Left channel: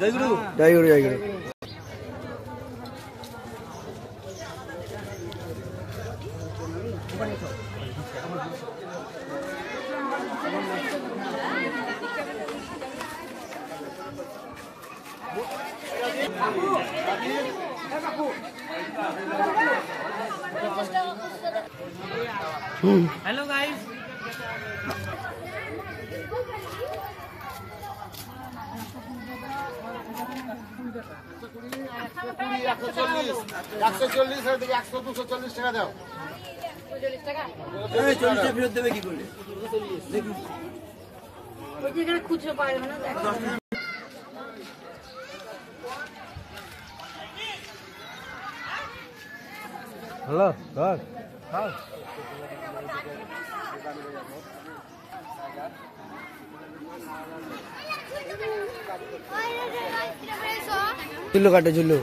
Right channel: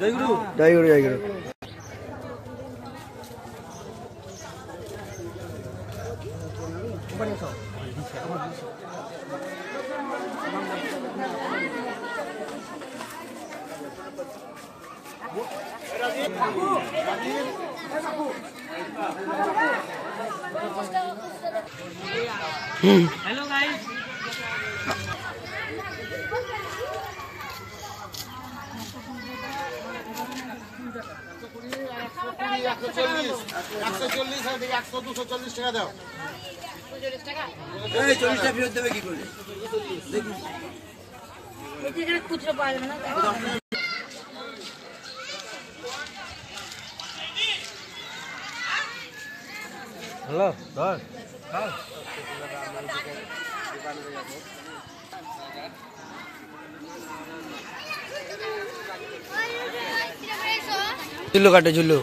जय गुरु जय गुरु जय गुरु हेलो गाइस झुल्लू काटे झुल्लू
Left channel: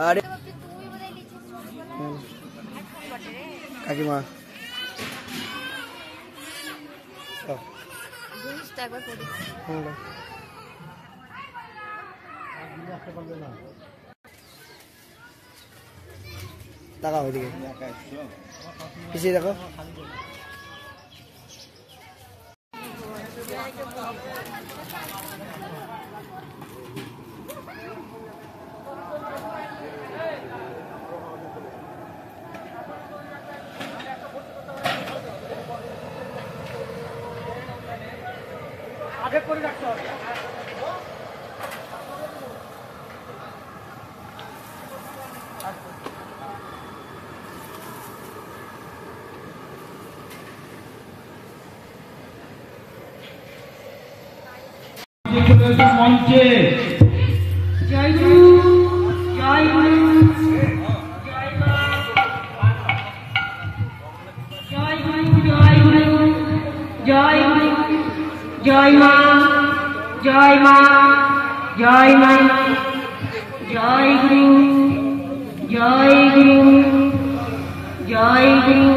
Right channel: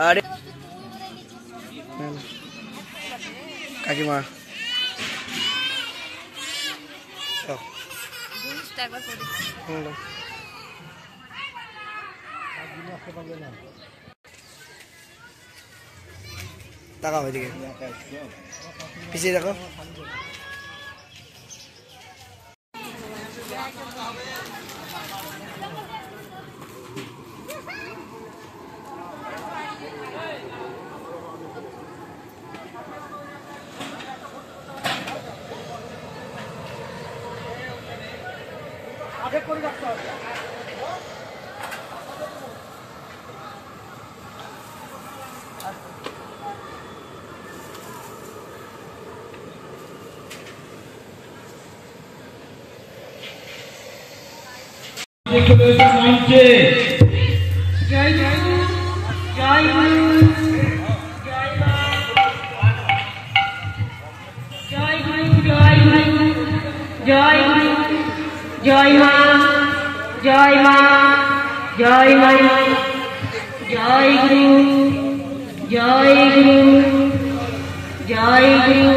अरे काकीमा ताका ओइदिকে পিছিয়ে দেখো आगे করে রাখতে হবে मंचे जय गुरु जय गुरु जय गुरु जय गुरु জয় জয় মা জয় মা জয় মা জয় গুরু জয় গুরু জয় গুরু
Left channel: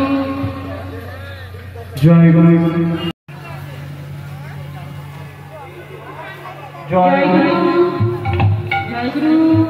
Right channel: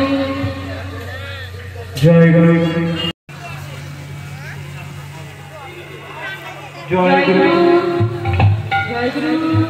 জয় গুরু জয় গুরু জয় গুরু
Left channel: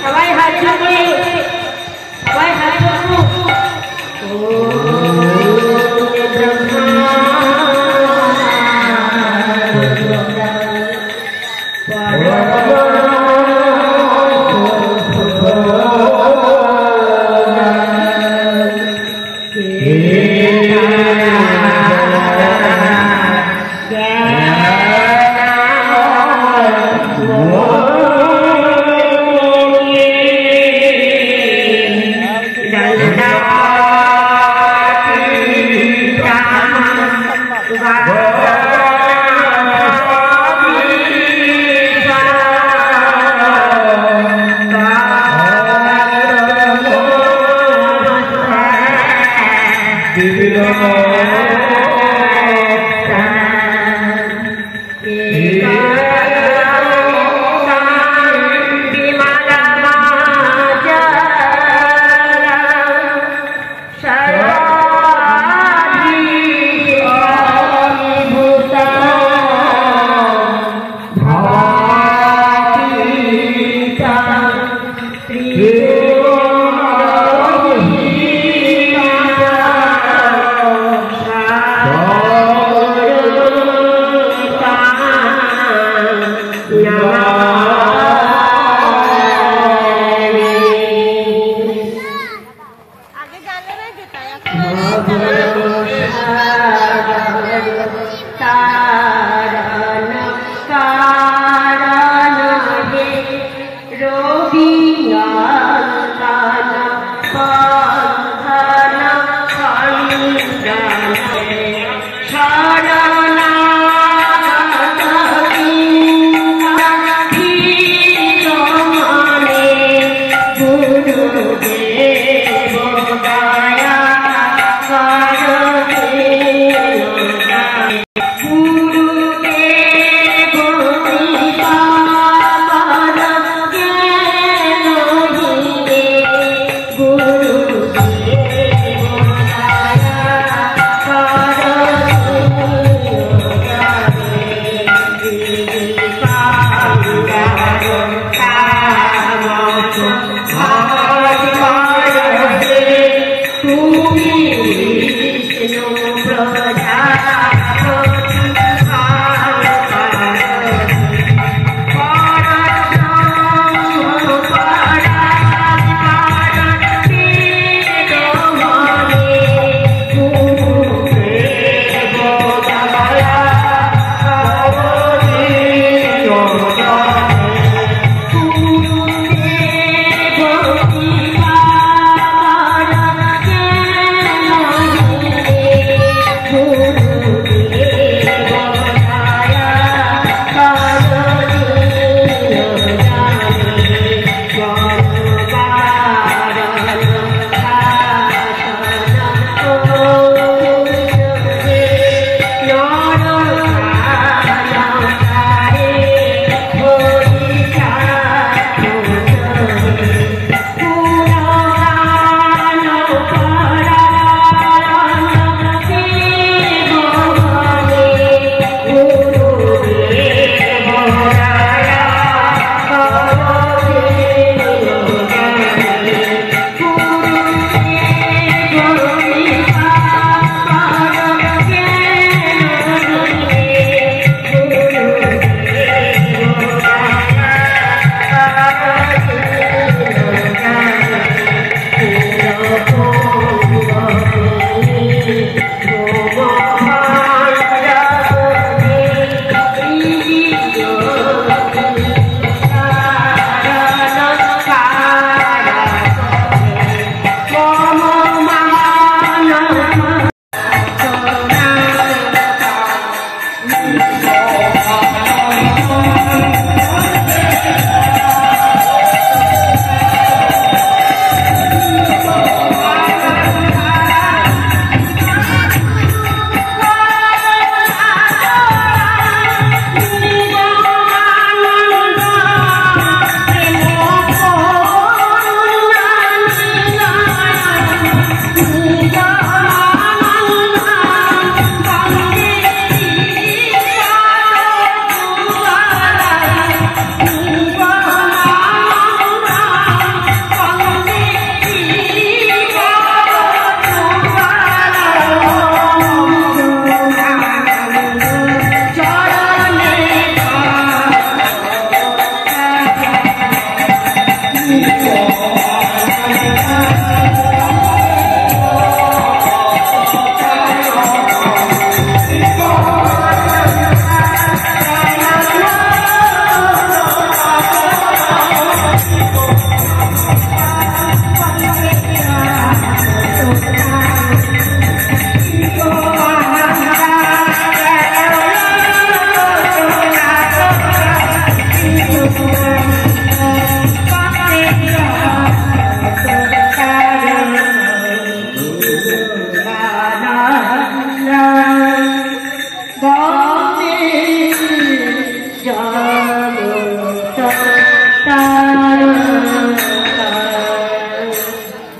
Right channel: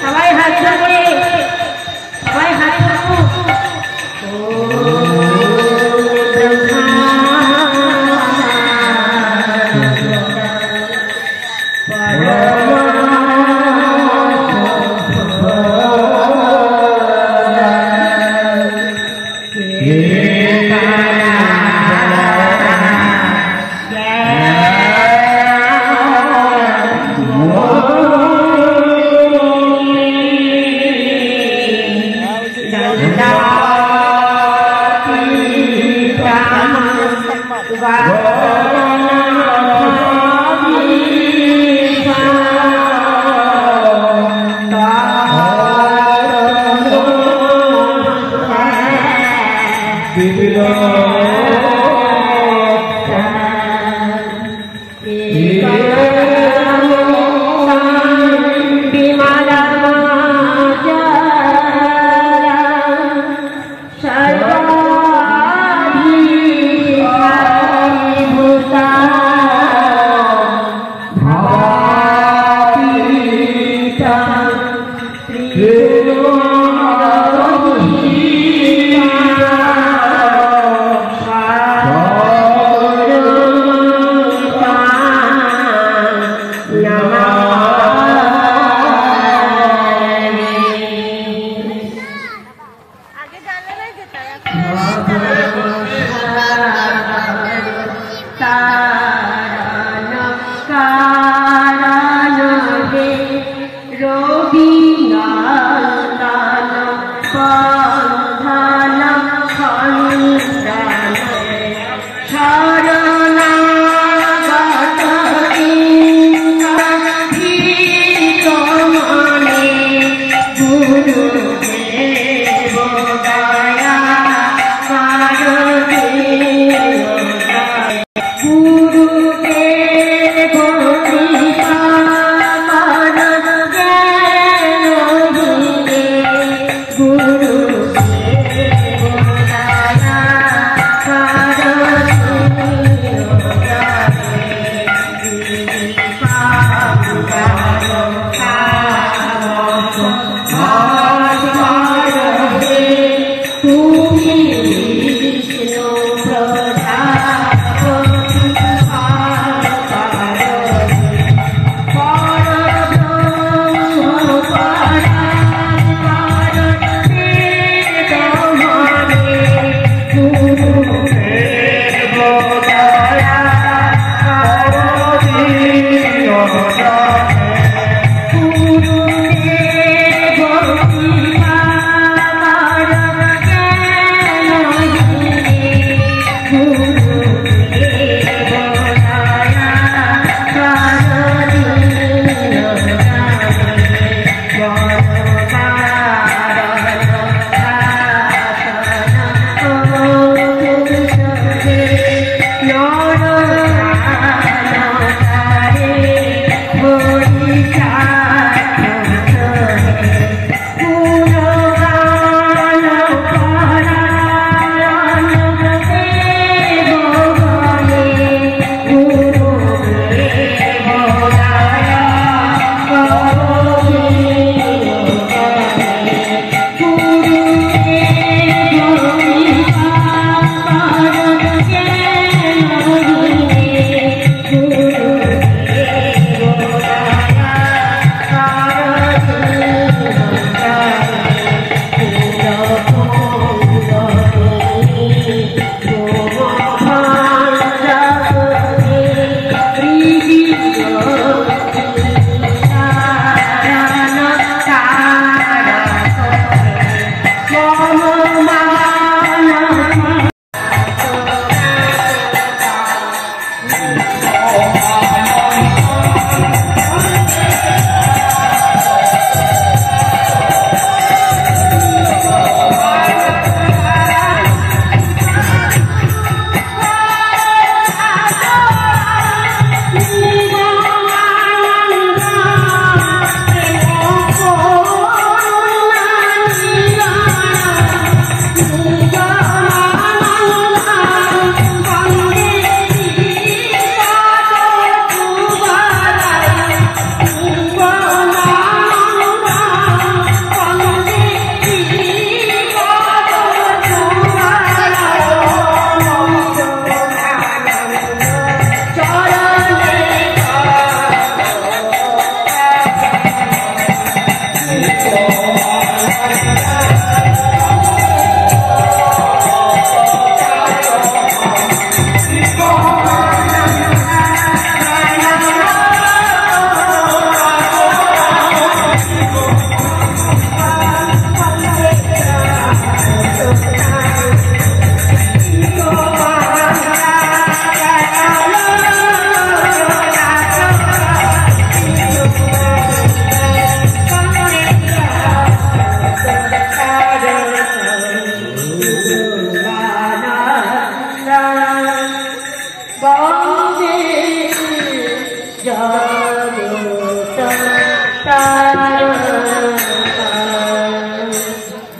সবাই হাত ধরে সবাই হাত ধরো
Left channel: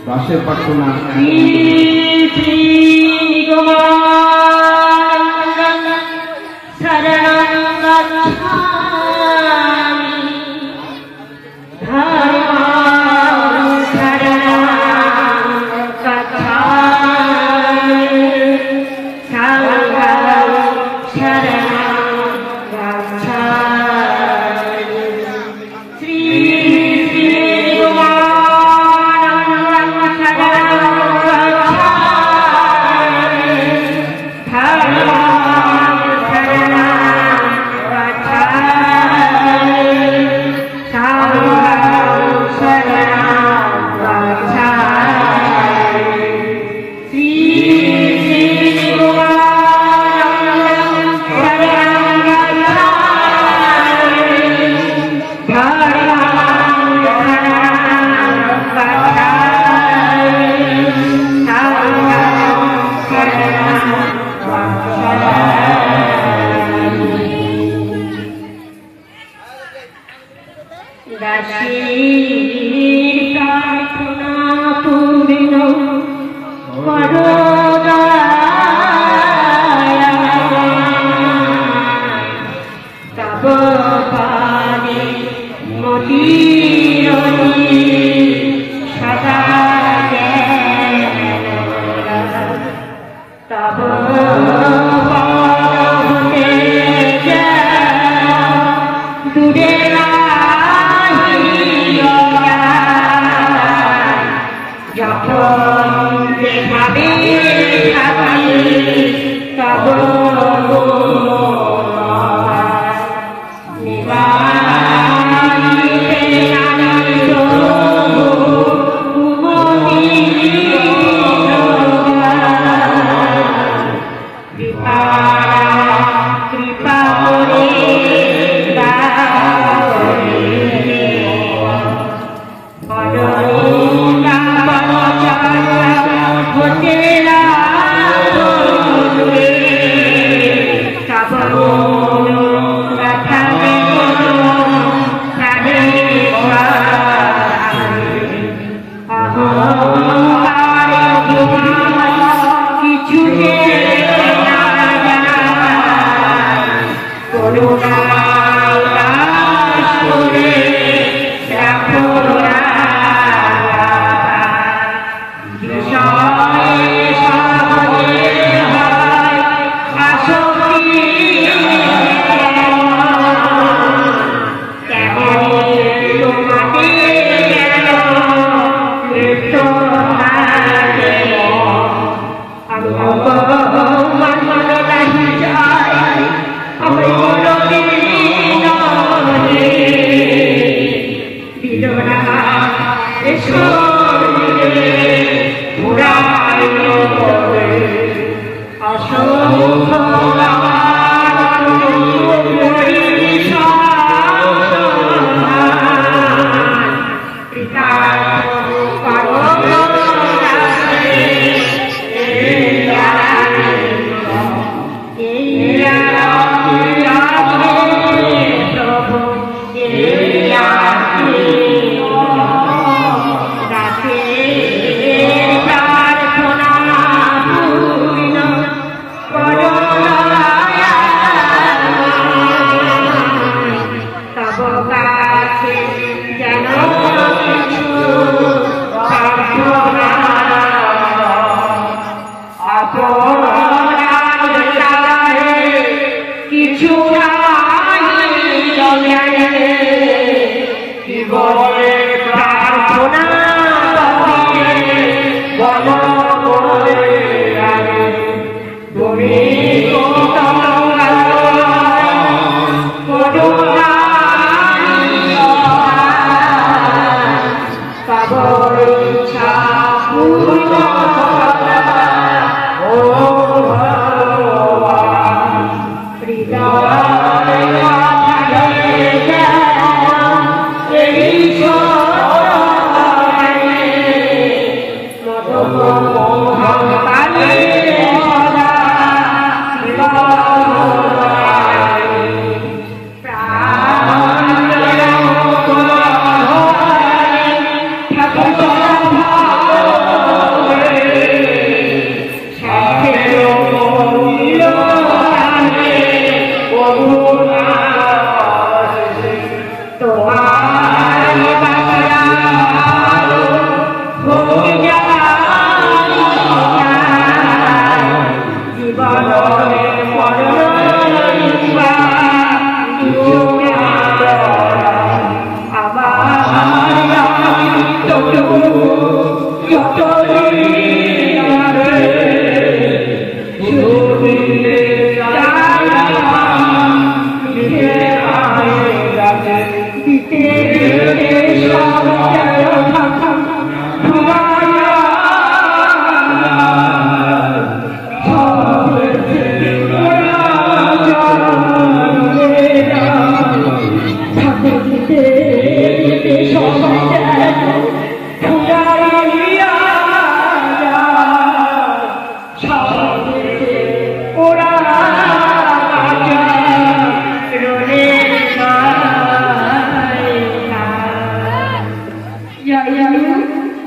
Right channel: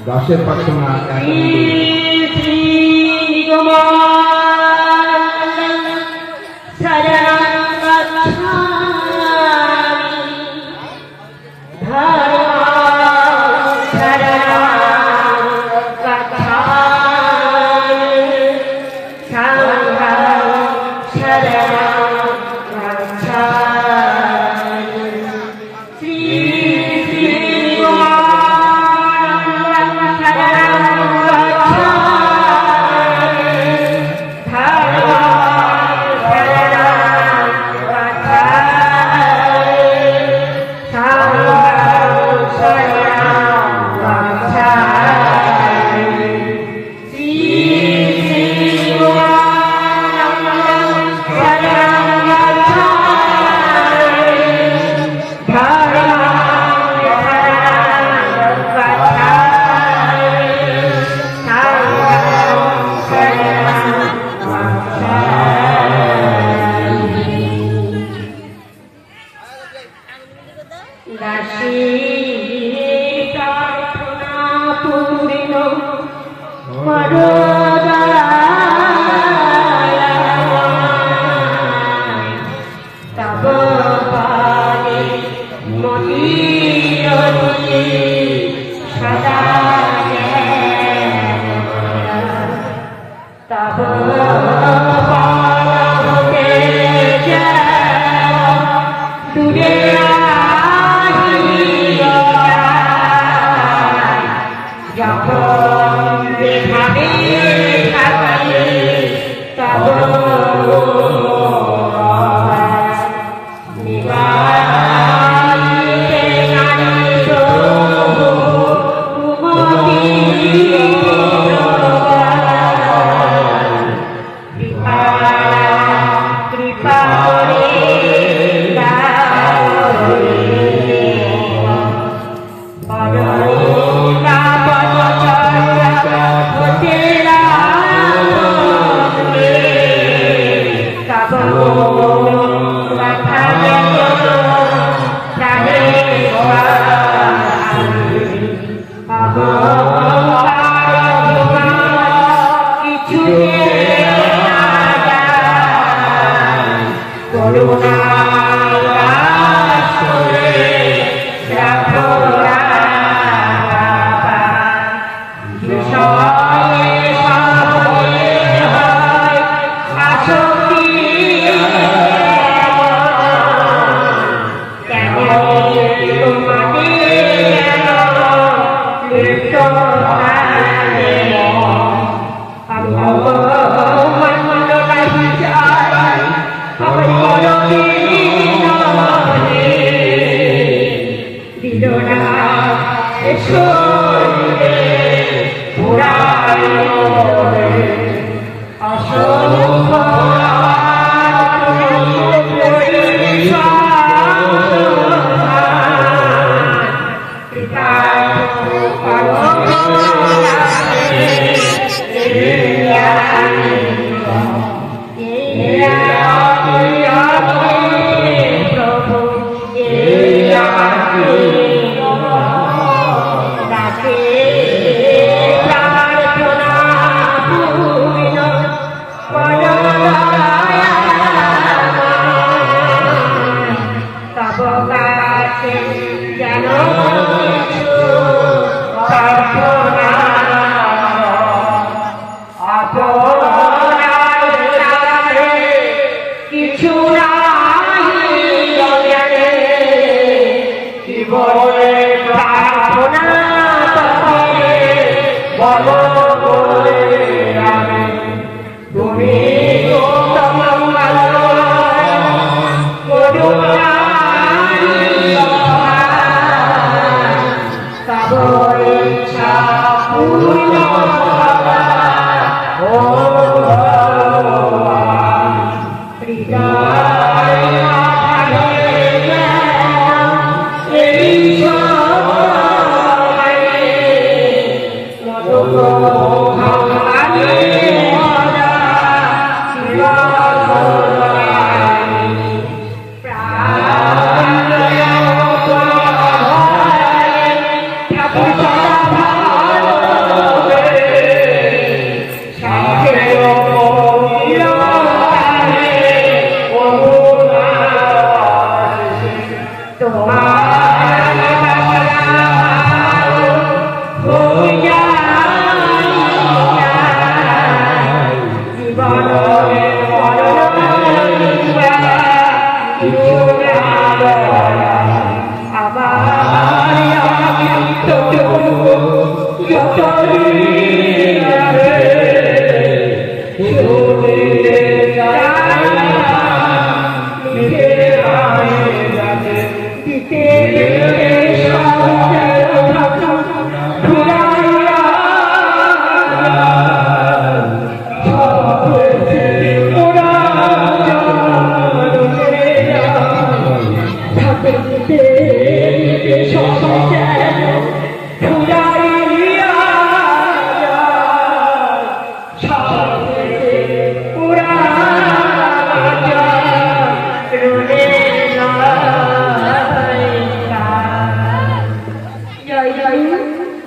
দাসের প্রার্থনা Bye.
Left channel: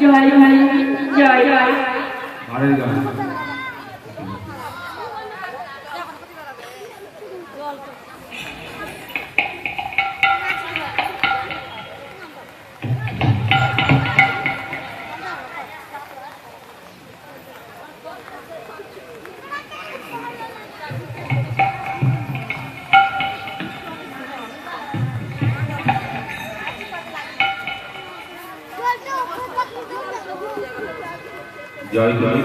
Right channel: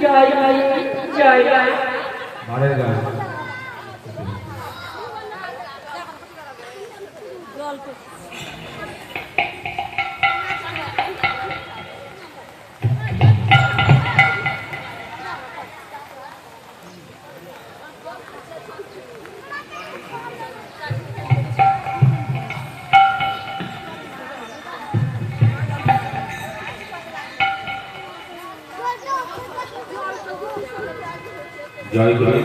জয় হরি জয় জয় जय जय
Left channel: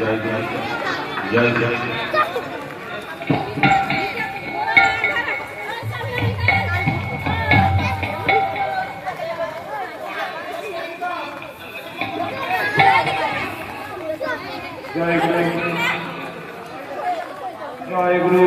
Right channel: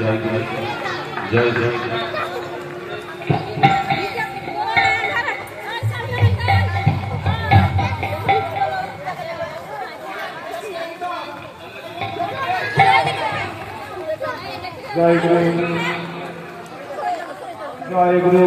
जय जय जय जय जय गुरु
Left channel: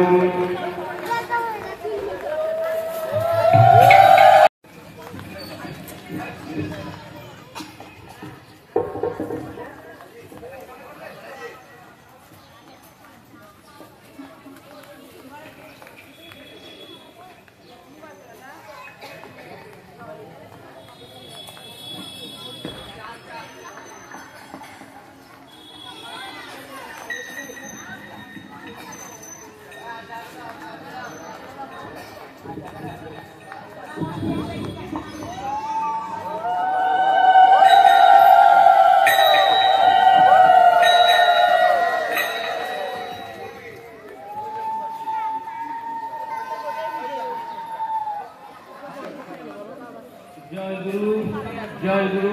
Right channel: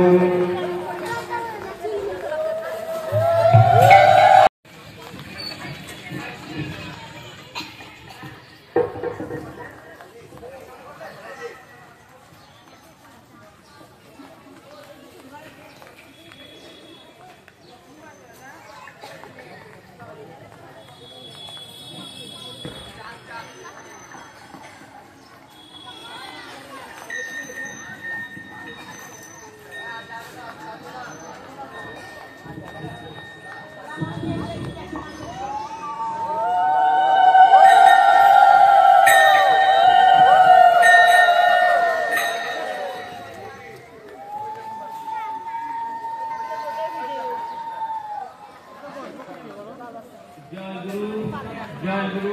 जय गुरु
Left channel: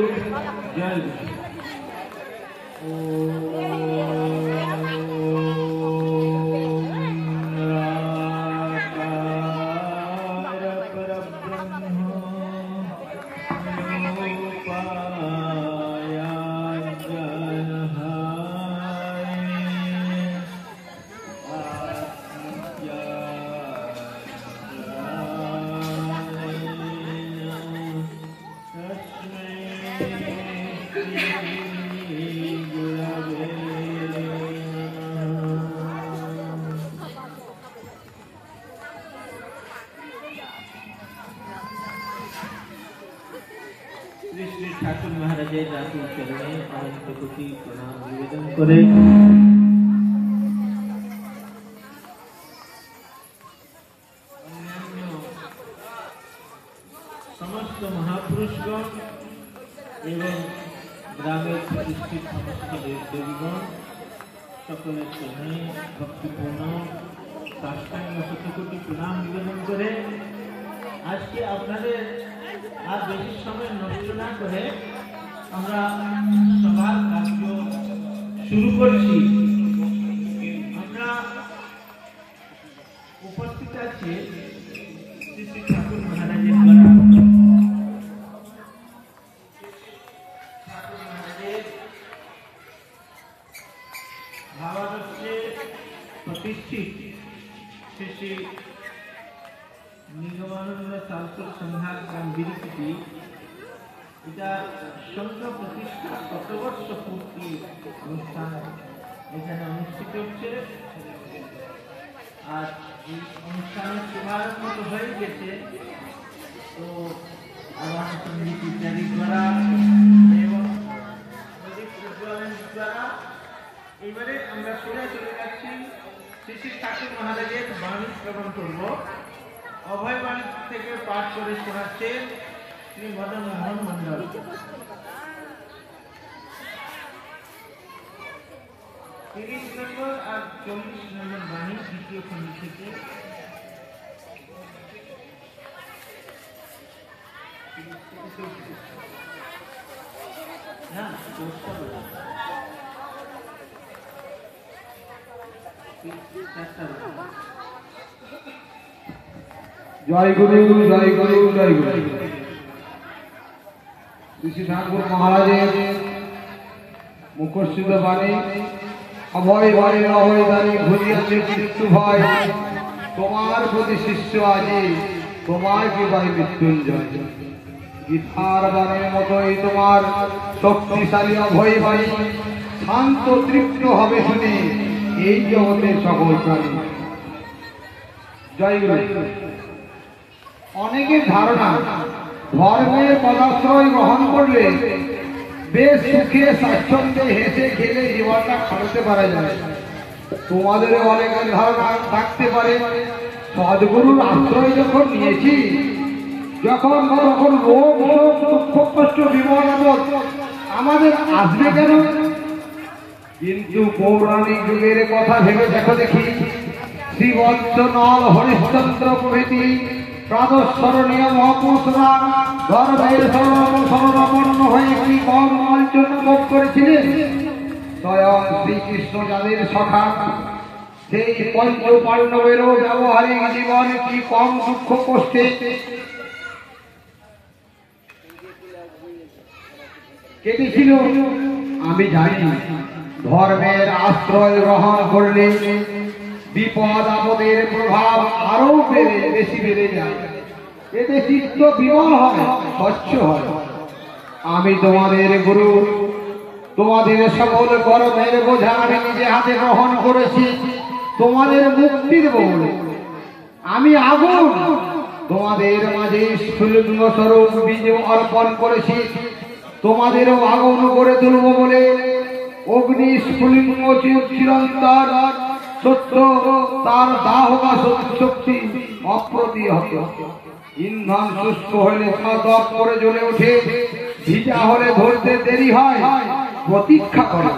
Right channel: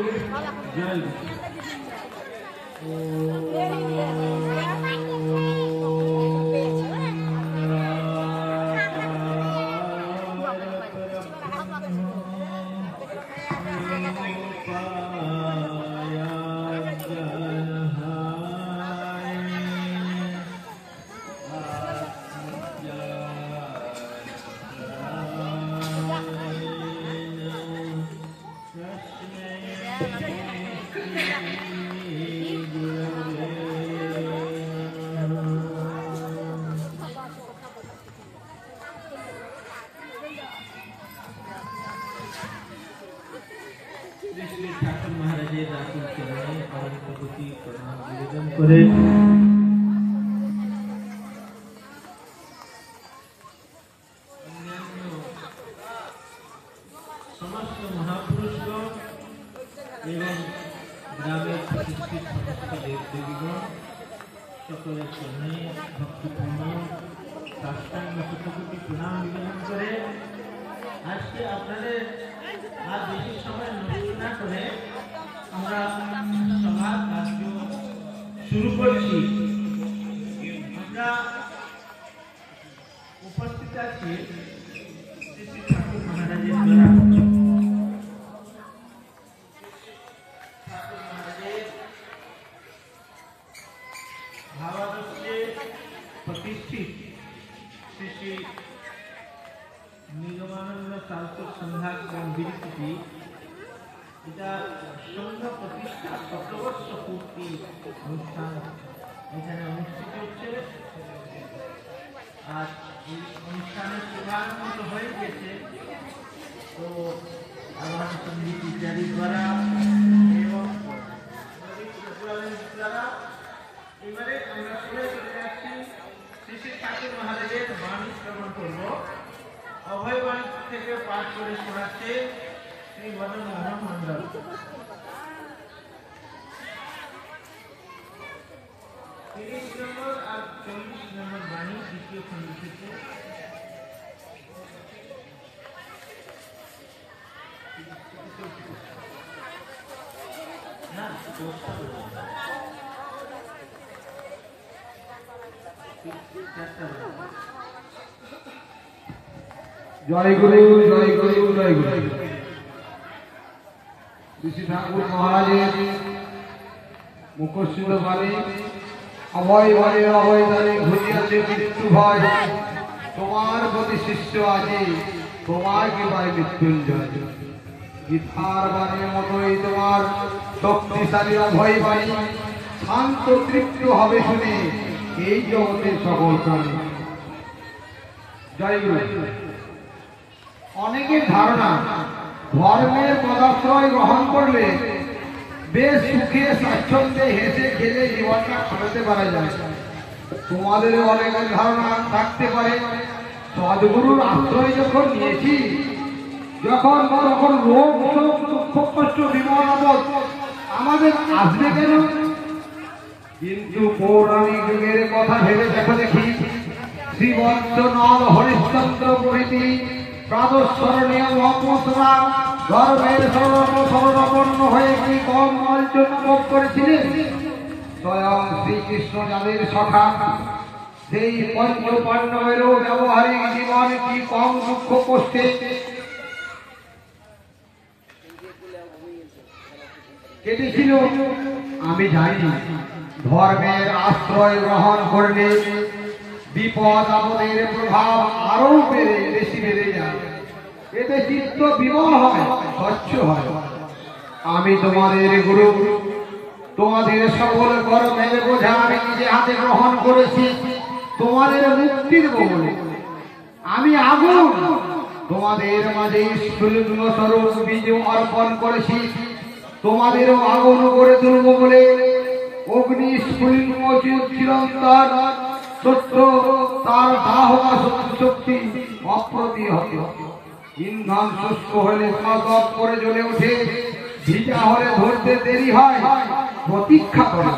ठाकुर महाराजेर राखी चरणे अनंत कोटि प्रणाम निवेदन करे समस्त महापुरुषगण एवं ग्रामेर प्रतिष्ठित समस्त देवदेवीगण सकल चरणे भक्तिपूर्ण साष्टांग कोटि प्रणाम निवेदन करे आज के आपनादेर আর বেশি সময় নষ্ট না করে আমরা সবার কার্য শুরু করছি। আমরা উপস্থিত আছি শ্রী শ্রী ঠাকুর মহারাজের দ্বারা ঠাকুর মহারাজের ভাবাদর্শে প্রতিষ্ঠিত শ্রী শ্রী নিগমানন্দ সারস্বত সংঘাত বিরতি এটা সংঘ প্রতিষ্ঠা ১৭ বর্ষ পূর্তি অনুষ্ঠান এখানে অনুষ্ঠিত হচ্ছে। আজ এই অনুষ্ঠানের শুভারম্ভ হয়ে গেছে, তো আবার সঙ্গীত ইত্যাদি দ্বারা এবং দ্বারা এবারে আমরা শুনে চলে যাচ্ছি শ্রী শ্রী ঠাকুর মহারাজের বাণী শ্রবণ করব। অভয় বাণী থেকে পাঠ করে শোনাচ্ছে শ্রী মদন মোহন মন্ডল। ৩০ নম্বর আর ৪০ নম্বর বাণী দ্বিতীয় খণ্ড থেকে। জয় গুরু জয় গুরু জয় গুরু। শ্রী ঠাকুর মহারাজের মুখস্থিত বাণী। অভয় বাণী অভয় দানে ঘুরিয়াছে মৃত্যু ভয়, তোমার প্রতি শিষ্য আজি তোমার কৃপায় মৃত্যুঞ্জয়। গীতার বাণীর মতোই তোমার শক্তিশালী অভয় বাণী, শান্ত তৃপ্ত হবে শুনে এই জগতের সকল প্রাণী। জয় গুরু। অনেকের ধারণা ধর্মের পদার্থই গ্রহণ করলে বেশ সুখে স্বাচ্ছন্দ্যে হেসে খেলে জীবনটা কাটাতে পারা যায়। তোমাদের অনেক ধারণা থাকতে পারে সদ্গুরুর আশ্রয় যখন নিয়েছি, যখন রোগ দুঃখ কষ্ট বিপদ আপদ আমাদের আসবে কেন? কিন্তু পৌরাণিক যুগের কথা ভেবে দেখো দেখি, শ্রীবংশ নল হরিশ্চন্দ্র প্রভৃতি প্রাদস্মরণীয় মহাপুরুষরা গর্ভের সর্বাপন্ন হয়ে কি কম অর্জন ভোগ করেছিলেন? স্বয়ং শ্রীকৃষ্ণ যাদের সখা, সেই পঞ্চ পাণ্ডবেরও ব্যবহারিক জীবন কি কম দুঃখ কষ্টে কেটেছিল? আমি জানি ধর্মের আশ্রয় গ্রহণ করলে বিপদ আপদের প্রভাব আরো বেশি বেড়ে যায়, এতে চিত্ত বিমল হয়, স্বচ্ছ হয়। আমি তোমাদের গুরু, তোমাদের সকল কর্মের বোঝা আমি নিজে হাতে গ্রহণ করেছি তোমাদের মুক্তির বলে। আমি আগুন তোমাদের মাঝে স্ফুলিঙ্গ স্বরূপ বীজ অর্পণ করেছি, তোমাদেরও আগুন করে তুলব বলে। অগ্নি স্ফুলিঙ্গ চিরন্তর সত্য, তার দাহকা শক্তি অপ্রতিহত। ইন্ধন শুষ্ক হলে দপ করে জ্বলে ওঠে, ভিজা হলে ধরতে দেরি হয়। প্রতীক্ষা করো,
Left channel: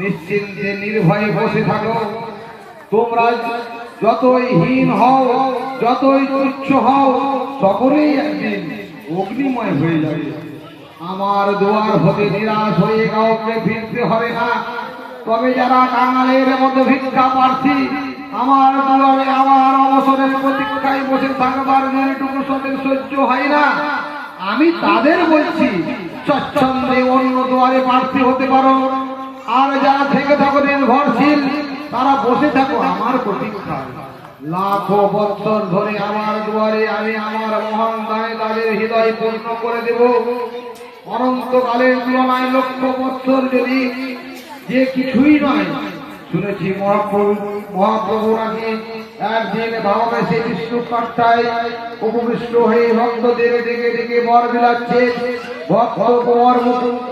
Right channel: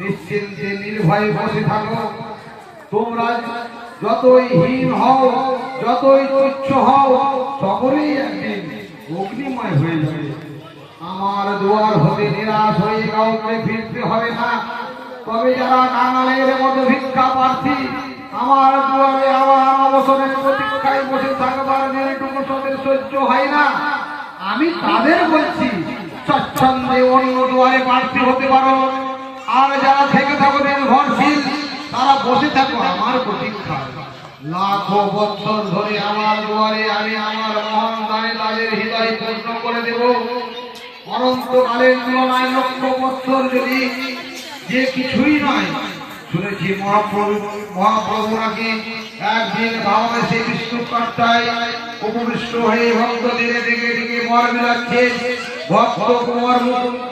নিশ্চিন্তে নির্ভয়ে বসে থাকো। তোমরা যতই হীন হও, যতই তুচ্ছ হও, সকলেই একদিন অগ্নিময় হয়ে যাবে। আমার দুয়ার হতে নিরাশ হয়ে কাউকে ফিরতে হবে না। তবে যারা কাঙালের মতো ভিক্ষা প্রার্থী, আমার দুয়ারে আমার অবসরের প্রতীক্ষায় বসে থাকবার যেটুকু সদের সহ্য হয় না, আমি তাদের বলছি স্বচ্ছন্দে অন্য দুয়ারে প্রার্থী হতে পারো। আর যারা থেকে থাকো নির্ভরশীল, তারা বসে থাকো আমার প্রতীক্ষায়। লাখো বছর ধরে আমার দুয়ারে আমি আমার মহান দানে তাদের হৃদয় পূর্ণ করে দেব। অনন্তকালের তুলনায় লক্ষ বছর যদি যে কিছুই নয়। শুনেছি মহাপ্রভু নাকি একদিন ভাববেশে বিষ্ণু কাট্টায় উপবিষ্ট হয়ে ভক্তদের ডেকে ডেকে বর বিলাচ্ছে। ভক্ত কুমার মুকুন্দ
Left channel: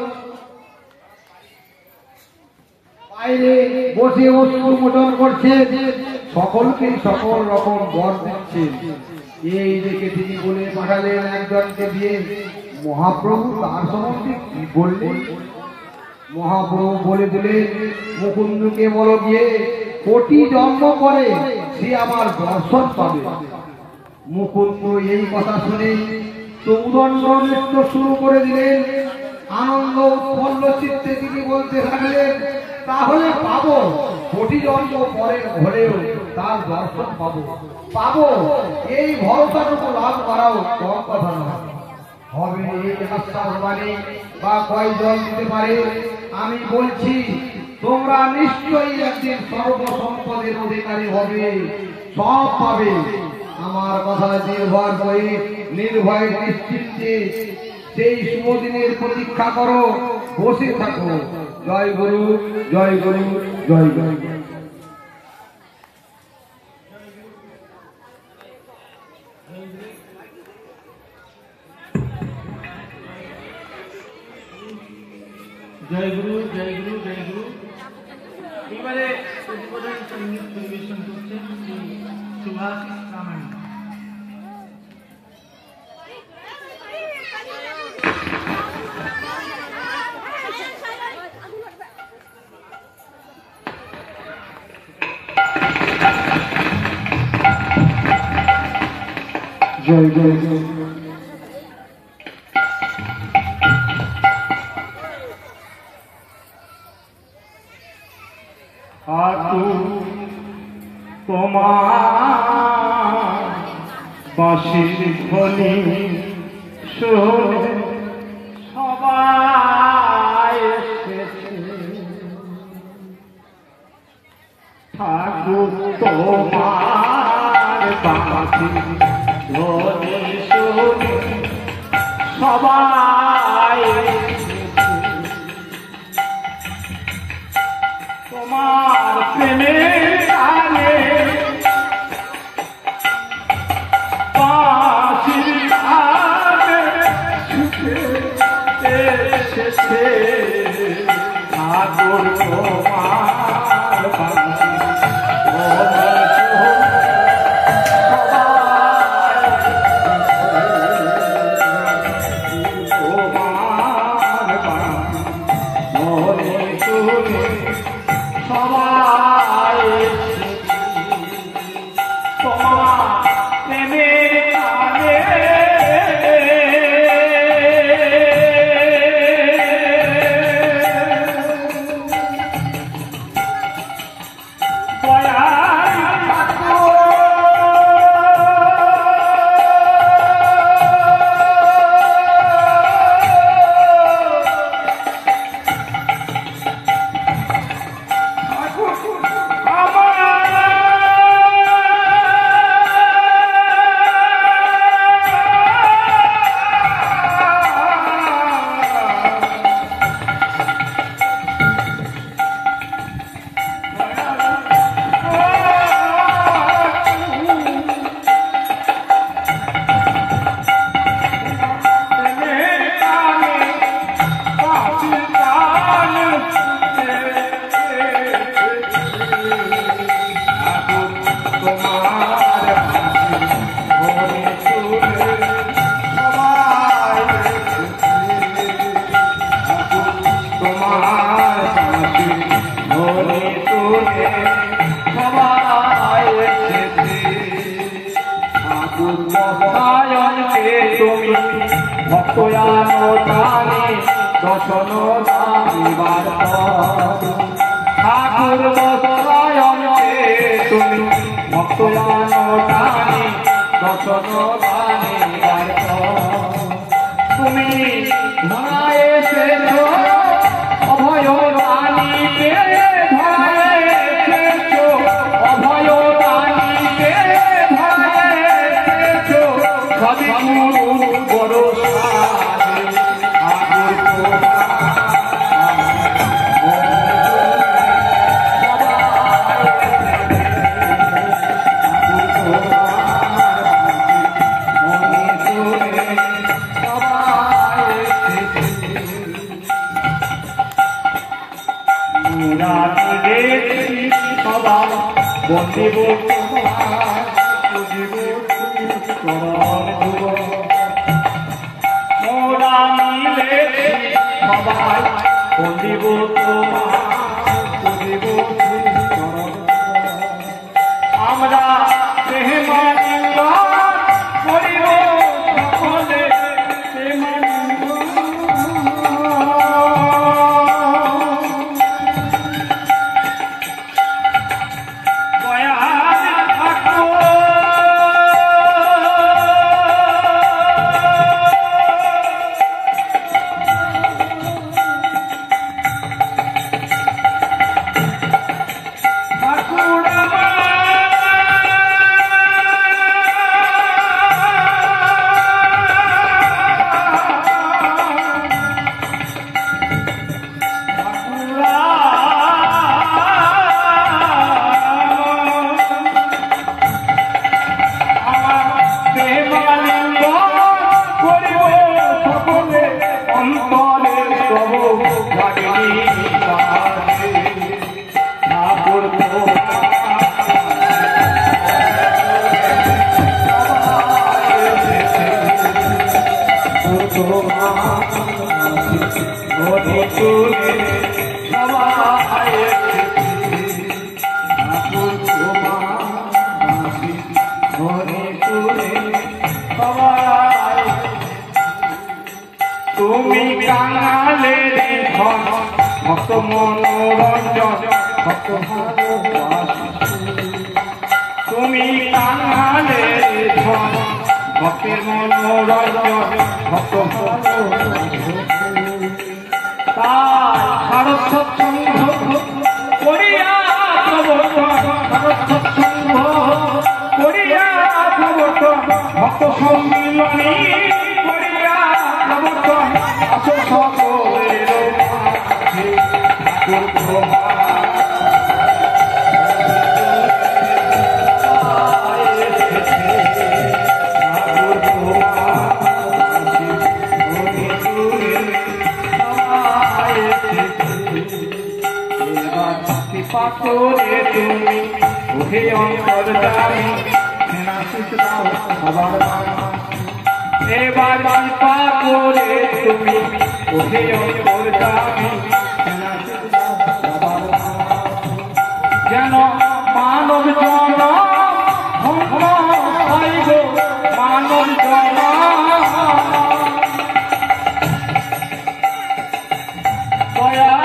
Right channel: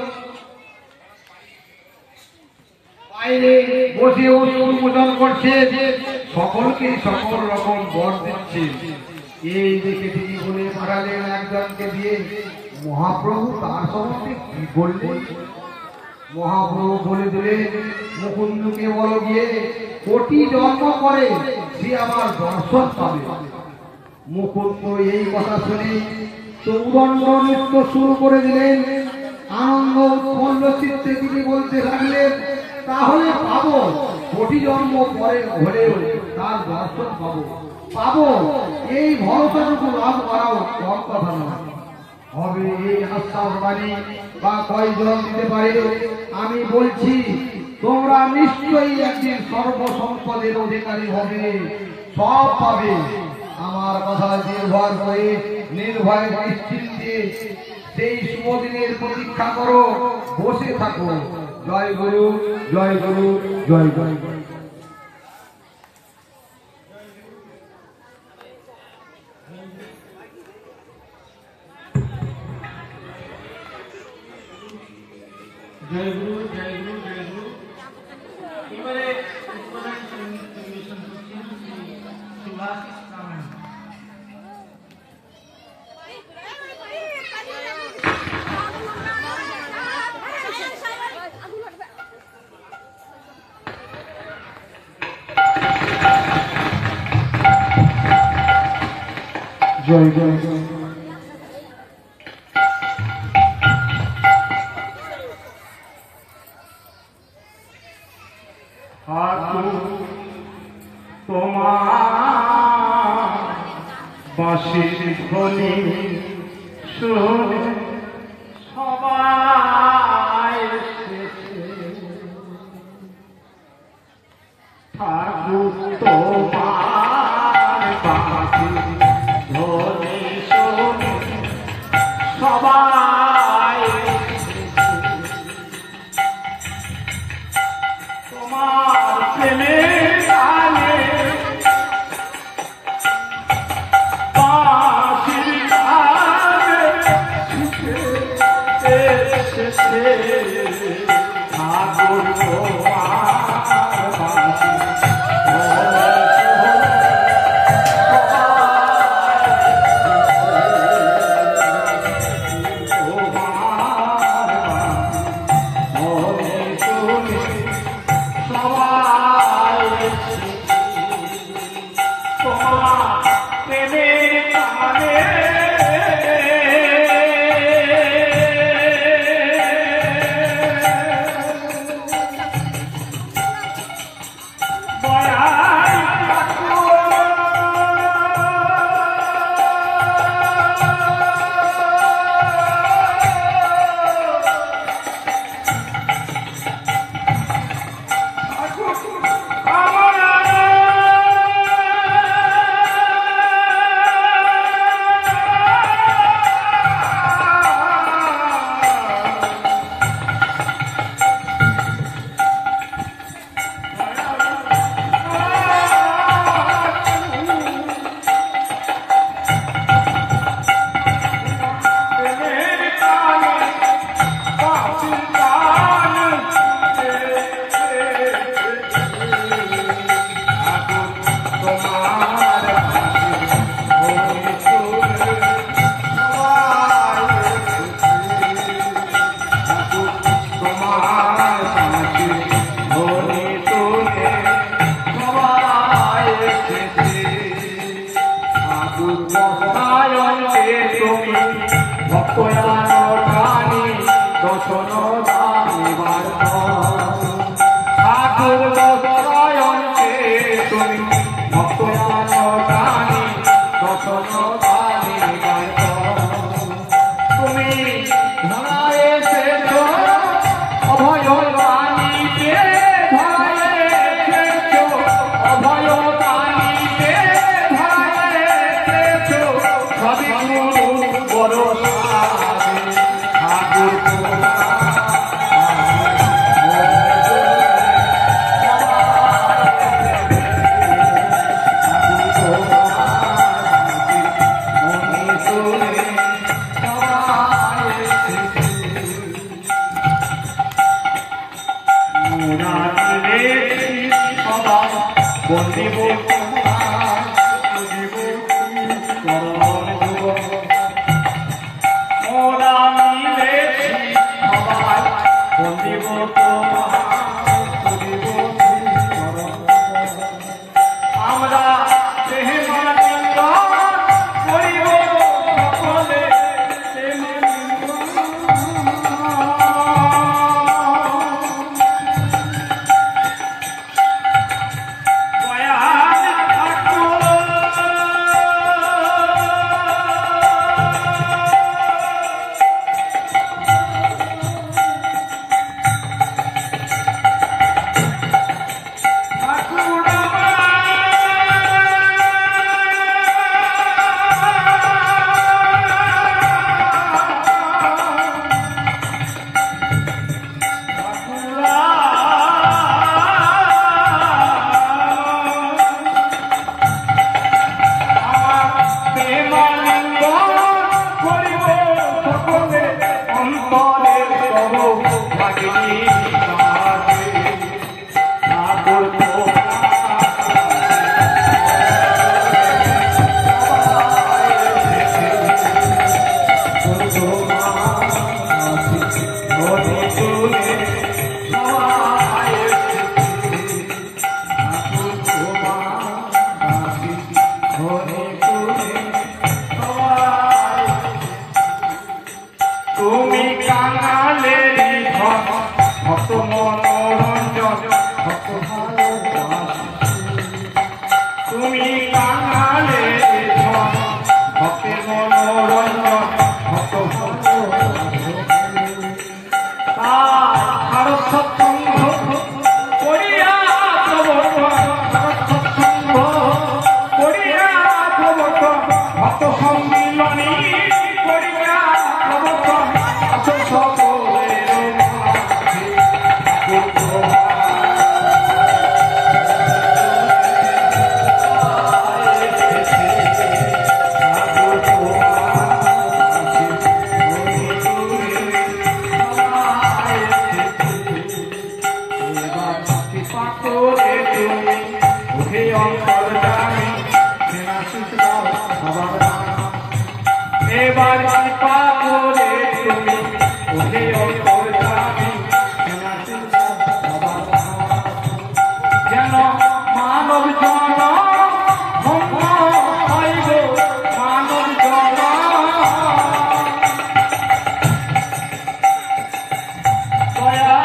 বাইরে বসে উন্মোচন করছে, সকলকে সকল রকম বর দিচ্ছে। এই দেখে তিনি বলে পাঠালেন একজনকে দিয়ে, মহাপ্রভু তার সম্বন্ধে কি বললেন? মহাপ্রভু বলে দিলেন, মুকুন্দকে বলো গিয়ে কোটি জন্ম করে সে আমার দর্শন পাবে। মুকুন্দ এই কথা শুনে চৌদণ্ড নৃত্য শুরু করে দিলেন। আনন্দ উৎফুল্ল চিত্তে তিনি বলতে থাকলেন, তাহলে পাবো, কোটি জন্ম পরে হলেও তার দর্শন পাবো। এই ভরসাটুকু লাভ করাও কম কথা নয়। হবে এই আশ্বাস মানে বা কয়জন দিতে পারে আমি বলছি, তোমরা নিশ্চয়ই একদিন সর্বসম্পদের অধিকারী হবে, সব পাবে। আমার কথা নির্ভর করে নির্ভয় নিশ্চিন্তে সেই শুভদিনের প্রতীক্ষা করো, বসে থাকো। জয় গুরু, জয় গুরু, জয় গুরু। জয় গুরু, জয় গুরু, জয় গুরু। এবারে সুভাষ রামায়ণ। জয় জয় জয়। তোমার বাঁশির ধ্বনি শুনে সবাই এসেছে, ঠাকুর তোমার বাঁশির ধ্বনি শুনে সবাই এসেছে, তোমার প্রেমের আলে বাঁশির আলে ঠাকুর কৃপা করে তুমি ওহে অন্তর্যামী সেনাসুত দাও সবার বাবা। এবার কৃপা করে তুমি ওহে অন্তর্যামী সেনাসুত দাও সবার বাবা। যেন মানব জন ধন্য হয় গো মানব জন দয়াল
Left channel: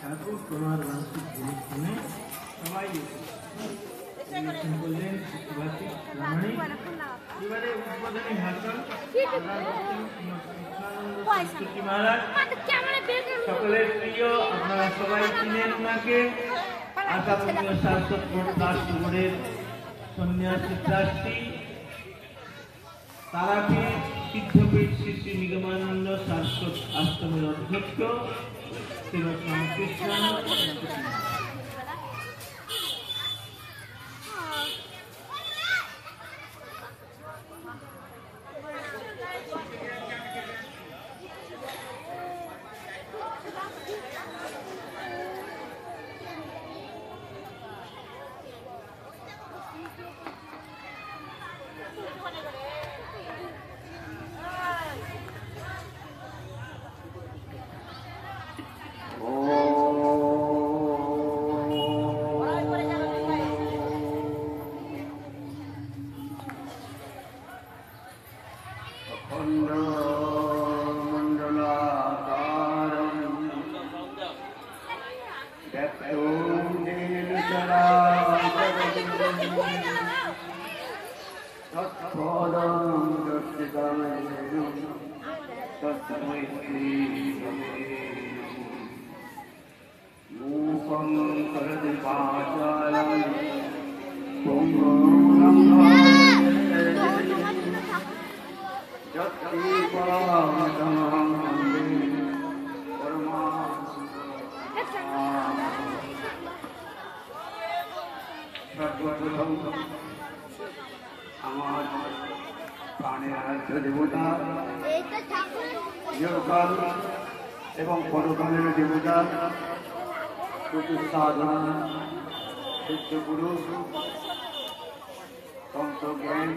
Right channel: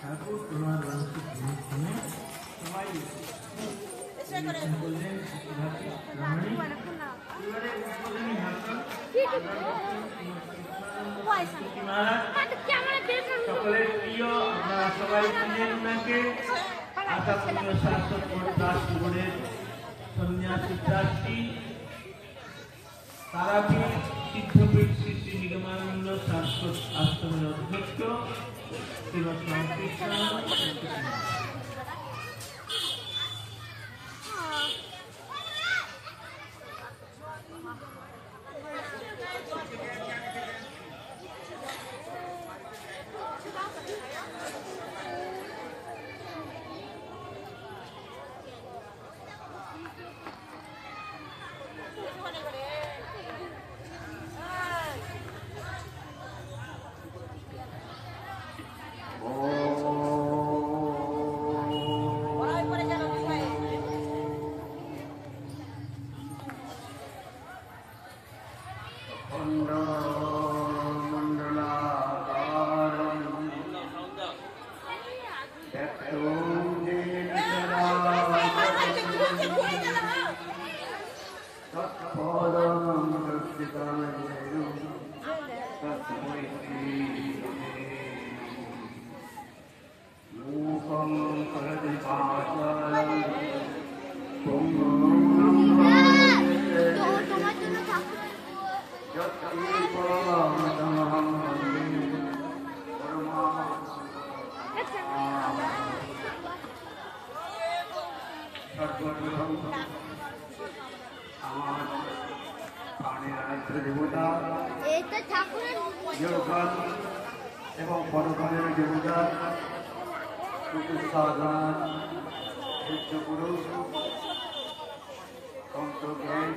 ঠাকুর সকলের প্রিয় আপনারা সবাই চিনেন ওনাকে আসামের শাসক দাস সন্ন্যাসী ট্রাস্টি তারাকে সিদ্ধপীঠ শ্রী শ্রী নিগমানন্দ শাশ্বত আশ্রমের অধ্যক্ষ শ্রীমৎ রামকৃষ্ণ। এবং পরকালের দেবতা সাধনা গুরু তন্ত্রজ্ঞান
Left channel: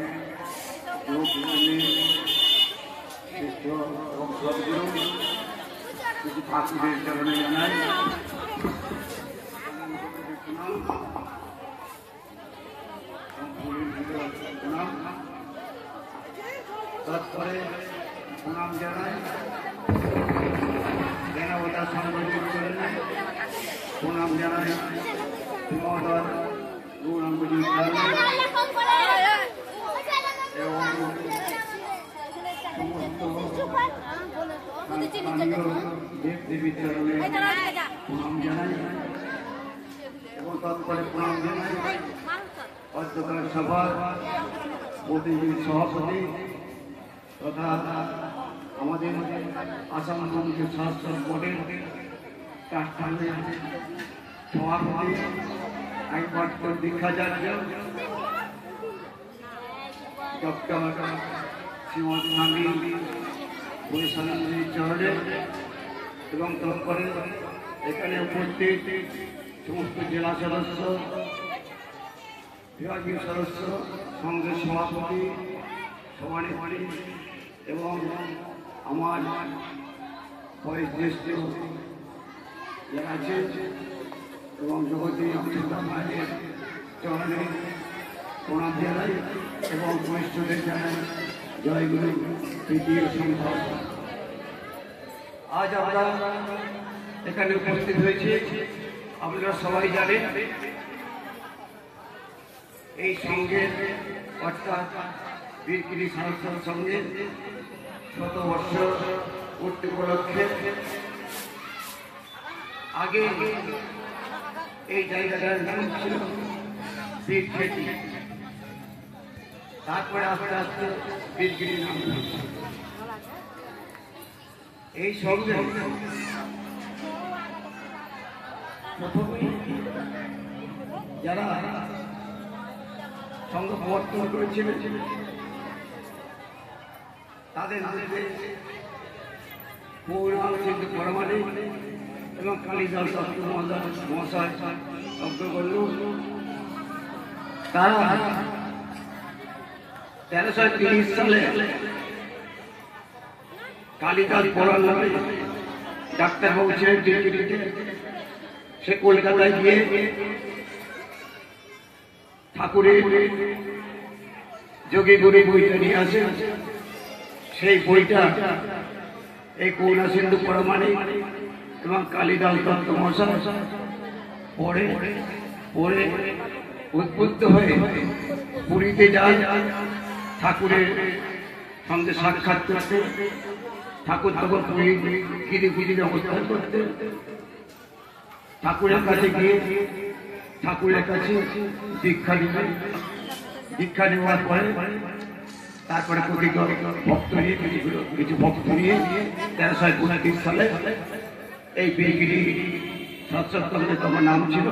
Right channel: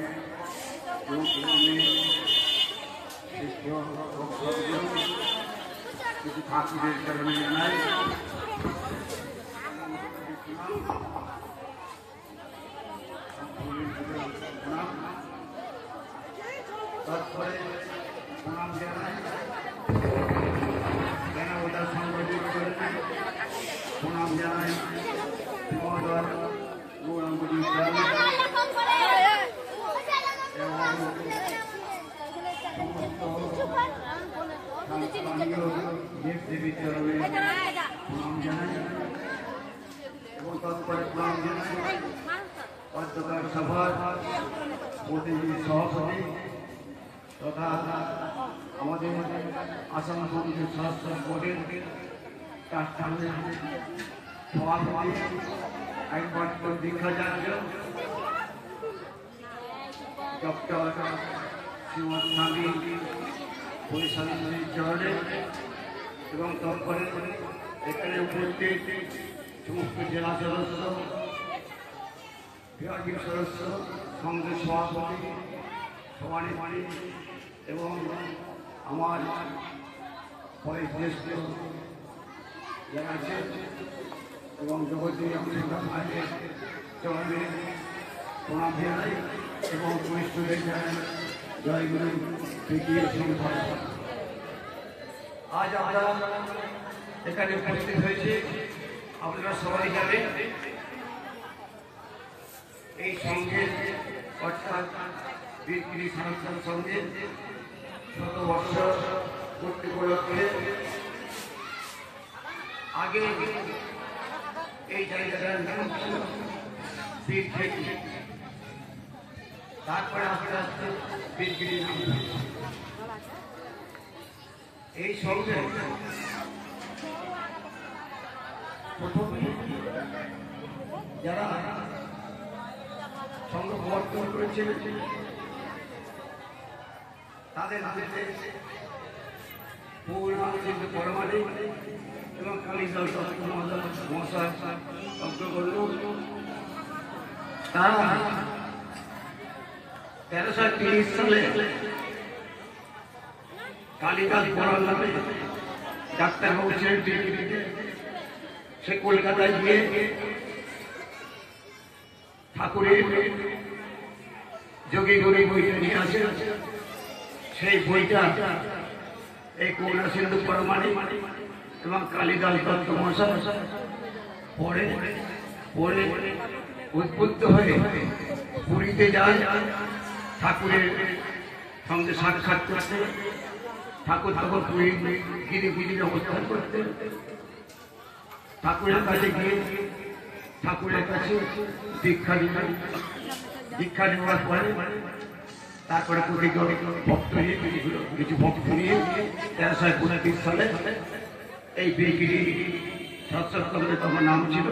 কিছু ঠাকুরের চরণে জানাই তারপরে প্রণাম জানাই প্রণাম জানাই দেব দেবী চরণে প্রণাম জানাই এবং তারপরে প্রণাম জানাই অধ্যকার সভার প্রতিনিধি সভাপতি তথা আমাদের আসাম পরিষদ স্বাস্থ্য বোর্ডের প্রাক্তনের সভাপতি আইনপাঠ দীক্ষাচার্য ডক্টর শ্রীমৎ স্বামী পুলিশানন্দী চরণে এবং তারপরে এখানে উপস্থিত সমস্ত জেলা সদস্য বিভাগীয় সদস্য কংগ্রেস সভাপতি সভানেত্রী এবং আমার বয়স জ্যেষ্ঠ যারা আছে এবং জগতী ভাইয়ের চরণে প্রণাম জানাই এবং বৈষ্ণবের জানাই জয়গুরু তৃতীয় সংখ্যা। আজ আমরা এখানে উপস্থিত হয়েছি, আপনারা সবাই জানেন এই সঙ্গে অর্থাৎ বীরগিরি সাহিত্য সঙ্গে শত বছর পূর্তি উপলক্ষে আগে এই জায়গাটার নাম ছিল বীরক্ষেত্রী, তারপরে আস্তে আস্তে বীরগিরি নাম। এই সঙ্গে যারা সঙ্গ সমর্থন করেছিলেন তাদের মধ্যে পূর্ণানন্দ পরমাণিক এবং কালীদাস মহাশয় অগ্রগণ্য। তারা 1330 সালে কালীদাস পড়া নামে ডাক্তারবাবু ছিলেন দিল্লিতে, সে কলকাতায় গিয়ে ঠাকুরের যোগী গুরু বইটা নিয়ে আসে। সেই বইটা এই করুণা সিন্ধু পরমাণিক এবং কালীদাস দত্ত মহাশয় পড়ে পড়ে উদ্বুদ্ধ হয়ে পুরীতে যায় ঠাকুরের সঙ্গে সাক্ষাৎ করতে। ঠাকুর তখন পুরী গিরি অবস্থান করতে। ঠাকুরের কাছে গিয়ে ঠাকুরের কাছে দীক্ষা নিলেন। দীক্ষা নেওয়ার পরে তারপরে ভক্ত নিয়ে কিছু ভক্ত নিয়ে 1329 সালে এই বীরগিরি সৎসঙ্গে তোমার নাম ছিল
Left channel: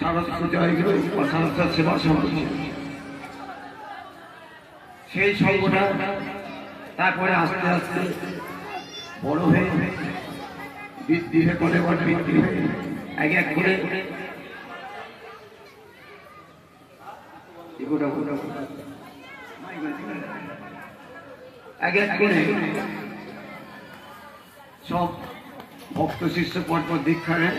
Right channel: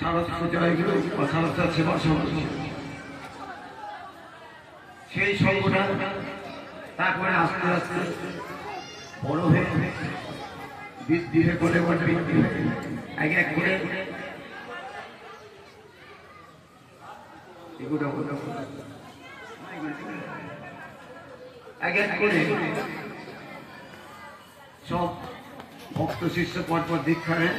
সারস্বত জয়গুরু বা সারস্বত সেবা সংঘ। সেই সংঘটা তারপরে আস্তে আস্তে বড় হয়ে বৃদ্ধি করে বৃদ্ধি হয়ে এক এক করে এক এক করে সব ভক্ত শিষ্য পরপর দীক্ষা নেন।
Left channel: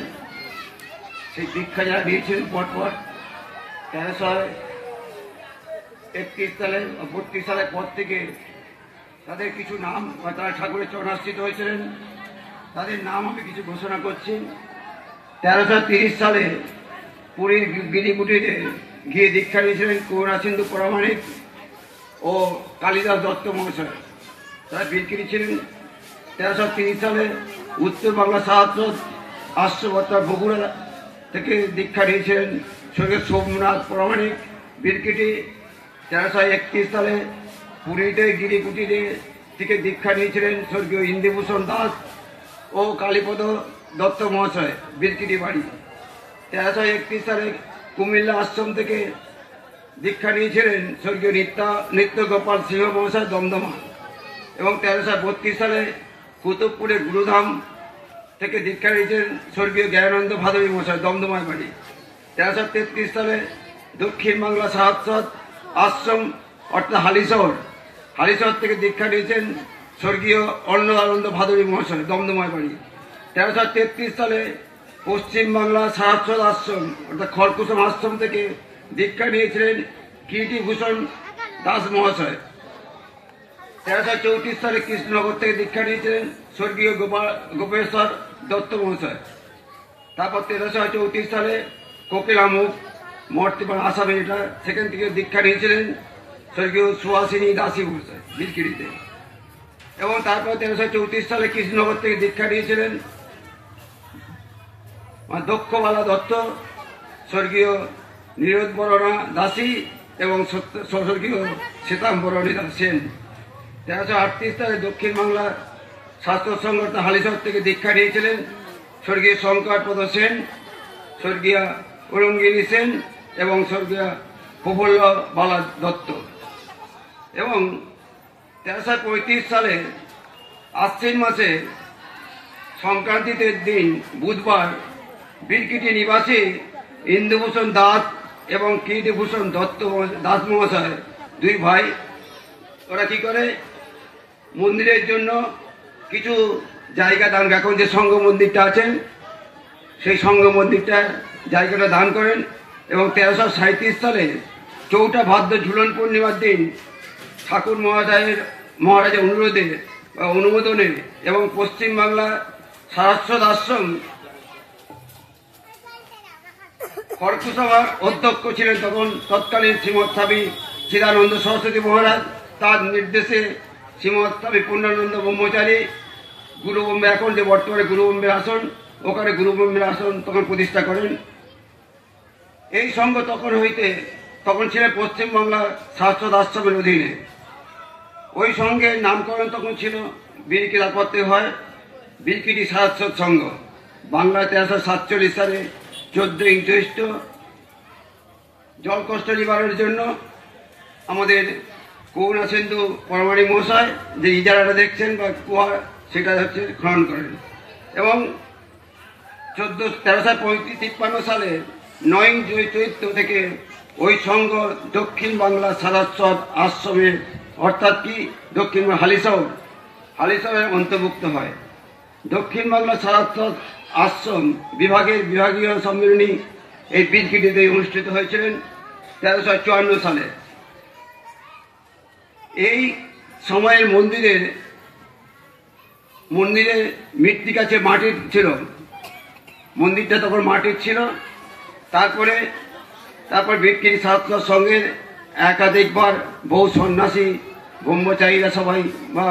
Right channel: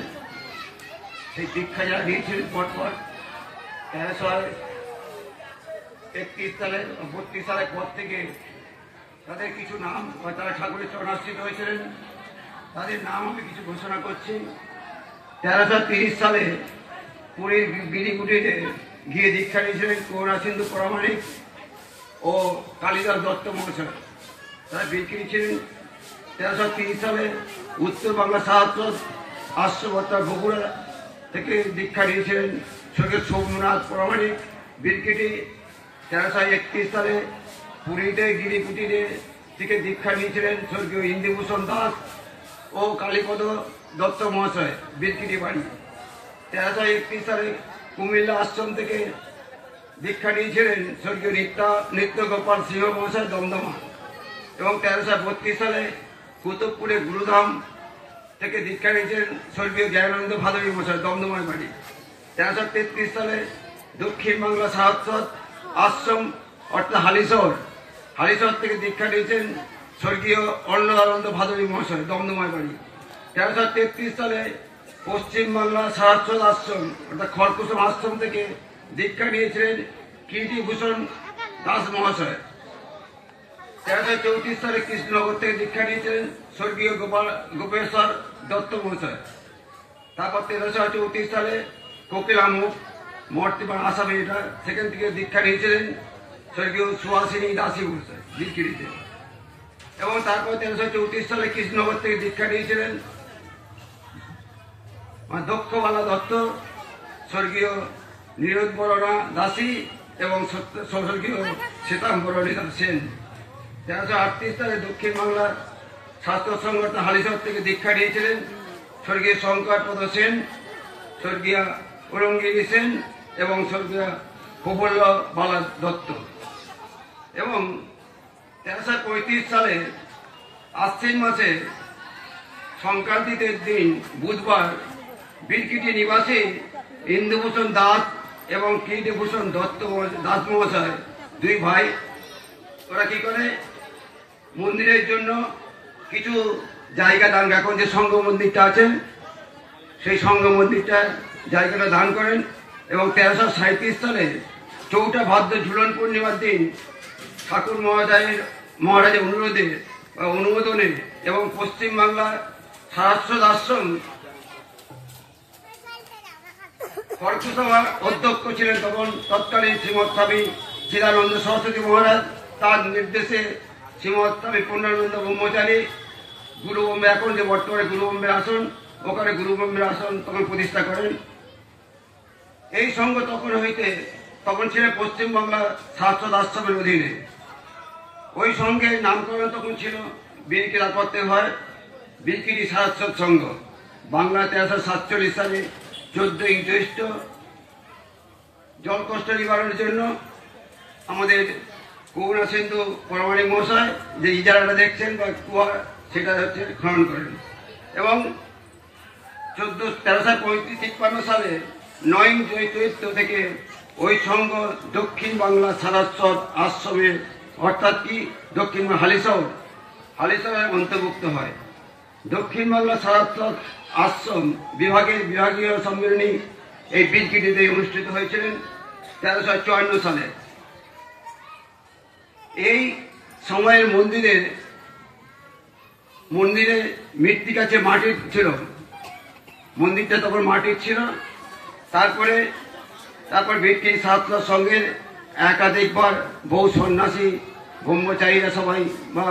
সেই দীক্ষা যারা দিয়েছিলেন পরপর 1331 সালে 32 সালের পর থেকে তাদের কিছু নাম তারা ঠাকুরের চরণাশ্রিত হয়েছিলেন, তাদের নাম আমি কিছু ঘোষণা করছি। 1330 সালে পুরীর গিরিকুটিতে গিয়ে দীক্ষা নিয়েছিলেন করুণা সিন্ধু পরমাণিক ও কালীদাস দত্ত মহাশয়, তারা বীরগিরি ছিলেন। 1330 সালে উত্তর বাংলা সাহায্য আশ্রমতা বগুড়া থেকে দীক্ষা নিয়েছিলেন স্বর্গীয় সোমনাথ পরমাণিক বীরগিরি। 1331 সালে পুরীতে গিরিকুটিতে থেকে দীক্ষা নিয়েছিলেন স্বর্গীয় ইন্দ্রভূষণ দাস ও কালীপদ দত্ত মহাশয় বীরগিরি বাড়ি। 1331 সালে কুমিল্লা আশ্রম থেকে দীক্ষা নিয়েছিলেন স্বর্গীয় নিত্য গোপাল সিংহ মহাশয় দমদমা। এবং 1332 সালে কুতুবপুরে গুরুধাম থেকে দীক্ষা নিয়েছিলেন স্বর্গীয় দয়ানন্দ ভাদবী মহাশয় দমদমায় বাড়ি। 1333 সালে দক্ষিণ বাংলা সাহায্য আশ্রম অর্থাৎ হালিশহর থেকে দীক্ষা নিয়েছেন স্বর্গীয় অন্নদানন্দ ভাদবী মহাশয় দমদমায় বাড়ি। 1333 সালে পশ্চিম বাংলা সাহায্য আশ্রম অর্থাৎ খড়কুসুম আশ্রম থেকে দীক্ষা নিয়েছিলেন কীর্তিভূষণ দাস মহাশয়। 1334 সালে কৃষ্ণনগর থেকে দীক্ষা নিয়েছিলেন স্বর্গীয় গোপেশ্বর দত্ত মহাশয়। তারপর 1334 সালে কপিলামুখ মর্তিপাড়া আসামে এটা সেখান থেকে দীক্ষা নিয়েছিলেন স্বর্গীয় সুহাসিনী দাসী মহাশয় বীরগিরিতে। এবং তারপর 1334 সালে কৃষ্ণনগর থেকে দীক্ষা নিয়েছিলেন দক্ষবালা দত্ত, স্বর্গীয় নীরদ বরণা দাসী এবং স্বর্গীয় শ্বেতাম্বরণীতা সেন। 1338 সালে দক্ষিণ বাংলা শাস্ত্র সংগঠন হালিশহর থেকে দীক্ষা নিয়েছিলেন স্বর্গীয় শঙ্করপদ সেন, স্বর্গীয় অরঙ্গিনী সেন এবং স্বর্গীয় প্রফুল্ল বালা দত্ত। এবং 1335 সালে আশ্বিন মাসে সংক্রান্তির দিন বুধবার বীরকিটি নিবাসী ইন্দুভূষণ দাস এবং কীর্তিভূষণ দত্ত দাস মহাশয়, দুই ভাই, ওরা কি করে মন্দিরের জন্য কিছু জায়গা দান, এখন যে সংঘ মন্দিরটা আছেন সেই সংঘ মন্দিরটা জায়গাটা দান করেন। এবং 1337 সালে 4 ভাদ্র ঝুলন পূর্ণিমার দিন ঠাকুর মহারাজের অনুমোদনে এবং পশ্চিমবাংলা সারস্বত আশ্রম কর্কসভার অধ্যক্ষ ছিলেন তৎকালীন শ্রীমৎ স্বামী চিদানন্দ সরস্বতী মহারাজ। তার নির্দেশে শ্রীমৎ স্বামী পূর্ণানন্দ ব্রহ্মচারী গুরুবম্বে, এখন যে বর্তমানে গুরুবম্বের আসন, ওখানে গুরুবম্বের আসন তখন প্রতিষ্ঠা করেন। এই সংঘ তখন ছিলেন পশ্চিমবাংলা শাশ্বত আশ্রমের অধীনে। ওই সংঘের নামকরণ তখন ছিল বীরকিলা করতে হয় বীরকিটি শাশ্বত সংঘ। বাংলায় 1347 সালে 14 জ্যৈষ্ঠ জল কষ্ট নিবারণের জন্য আমাদের করুণা সিন্ধু পরমাণিক মশাই যে ইজারাটা দেখছেন বা কুয়া, সেটা হচ্ছে খনন করেন। এবং 1353 সালে 9 চৈত্র থেকে ওই সংঘ দক্ষিণ বাংলা সারস্বত আশ্রমে, অর্থাৎ কি দক্ষিণ হালিশহরে অন্তর্ভুক্ত হয়। দক্ষিণ বাংলা সারস্বত আশ্রম বিভাগের বিভাগীয় সম্মেলনী এই বীরকিটিতে অনুষ্ঠিত হয়েছিলেন 1354 সালে। এই সময়ের মন্দিরে মৃত্তিকা মাটির ছিল, মন্দিরটা তখন মাটির ছিল। তারপর বীরকিটি সারস্বত সংঘের একাধিকবার বহু সন্ন্যাসী ব্রহ্মচারীরা সবাই বা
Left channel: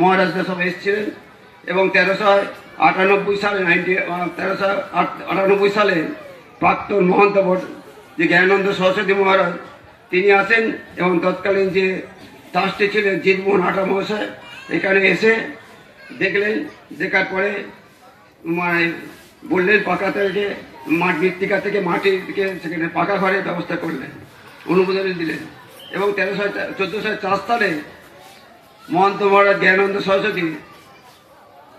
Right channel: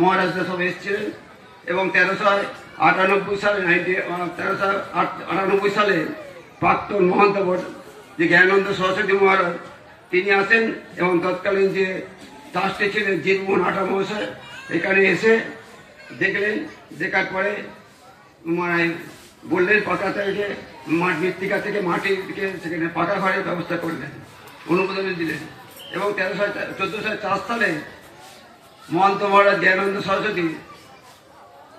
মহারাজরা সবাই এসেছিলেন। এবং 1398 সালে প্রাক্তন মহন্ত যে জ্ঞানানন্দ সরস্বতী মহারাজ, তিনি আসেন এবং তৎকালীন যে ট্রাস্টি ছিলেন জিতমোহন হাটা মহাশয় এখানে এসে দেখলেন। দেখার পরে বললেন পাকা থেকে মৃত্তিকা থেকে মাটির দিকে সেখানে পাকা ঘরের ব্যবস্থা করলেন, অনুমোদন দিলেন। এবং 1404 সালে মহন্ত মহারাজ জ্ঞানানন্দ সরস্বতী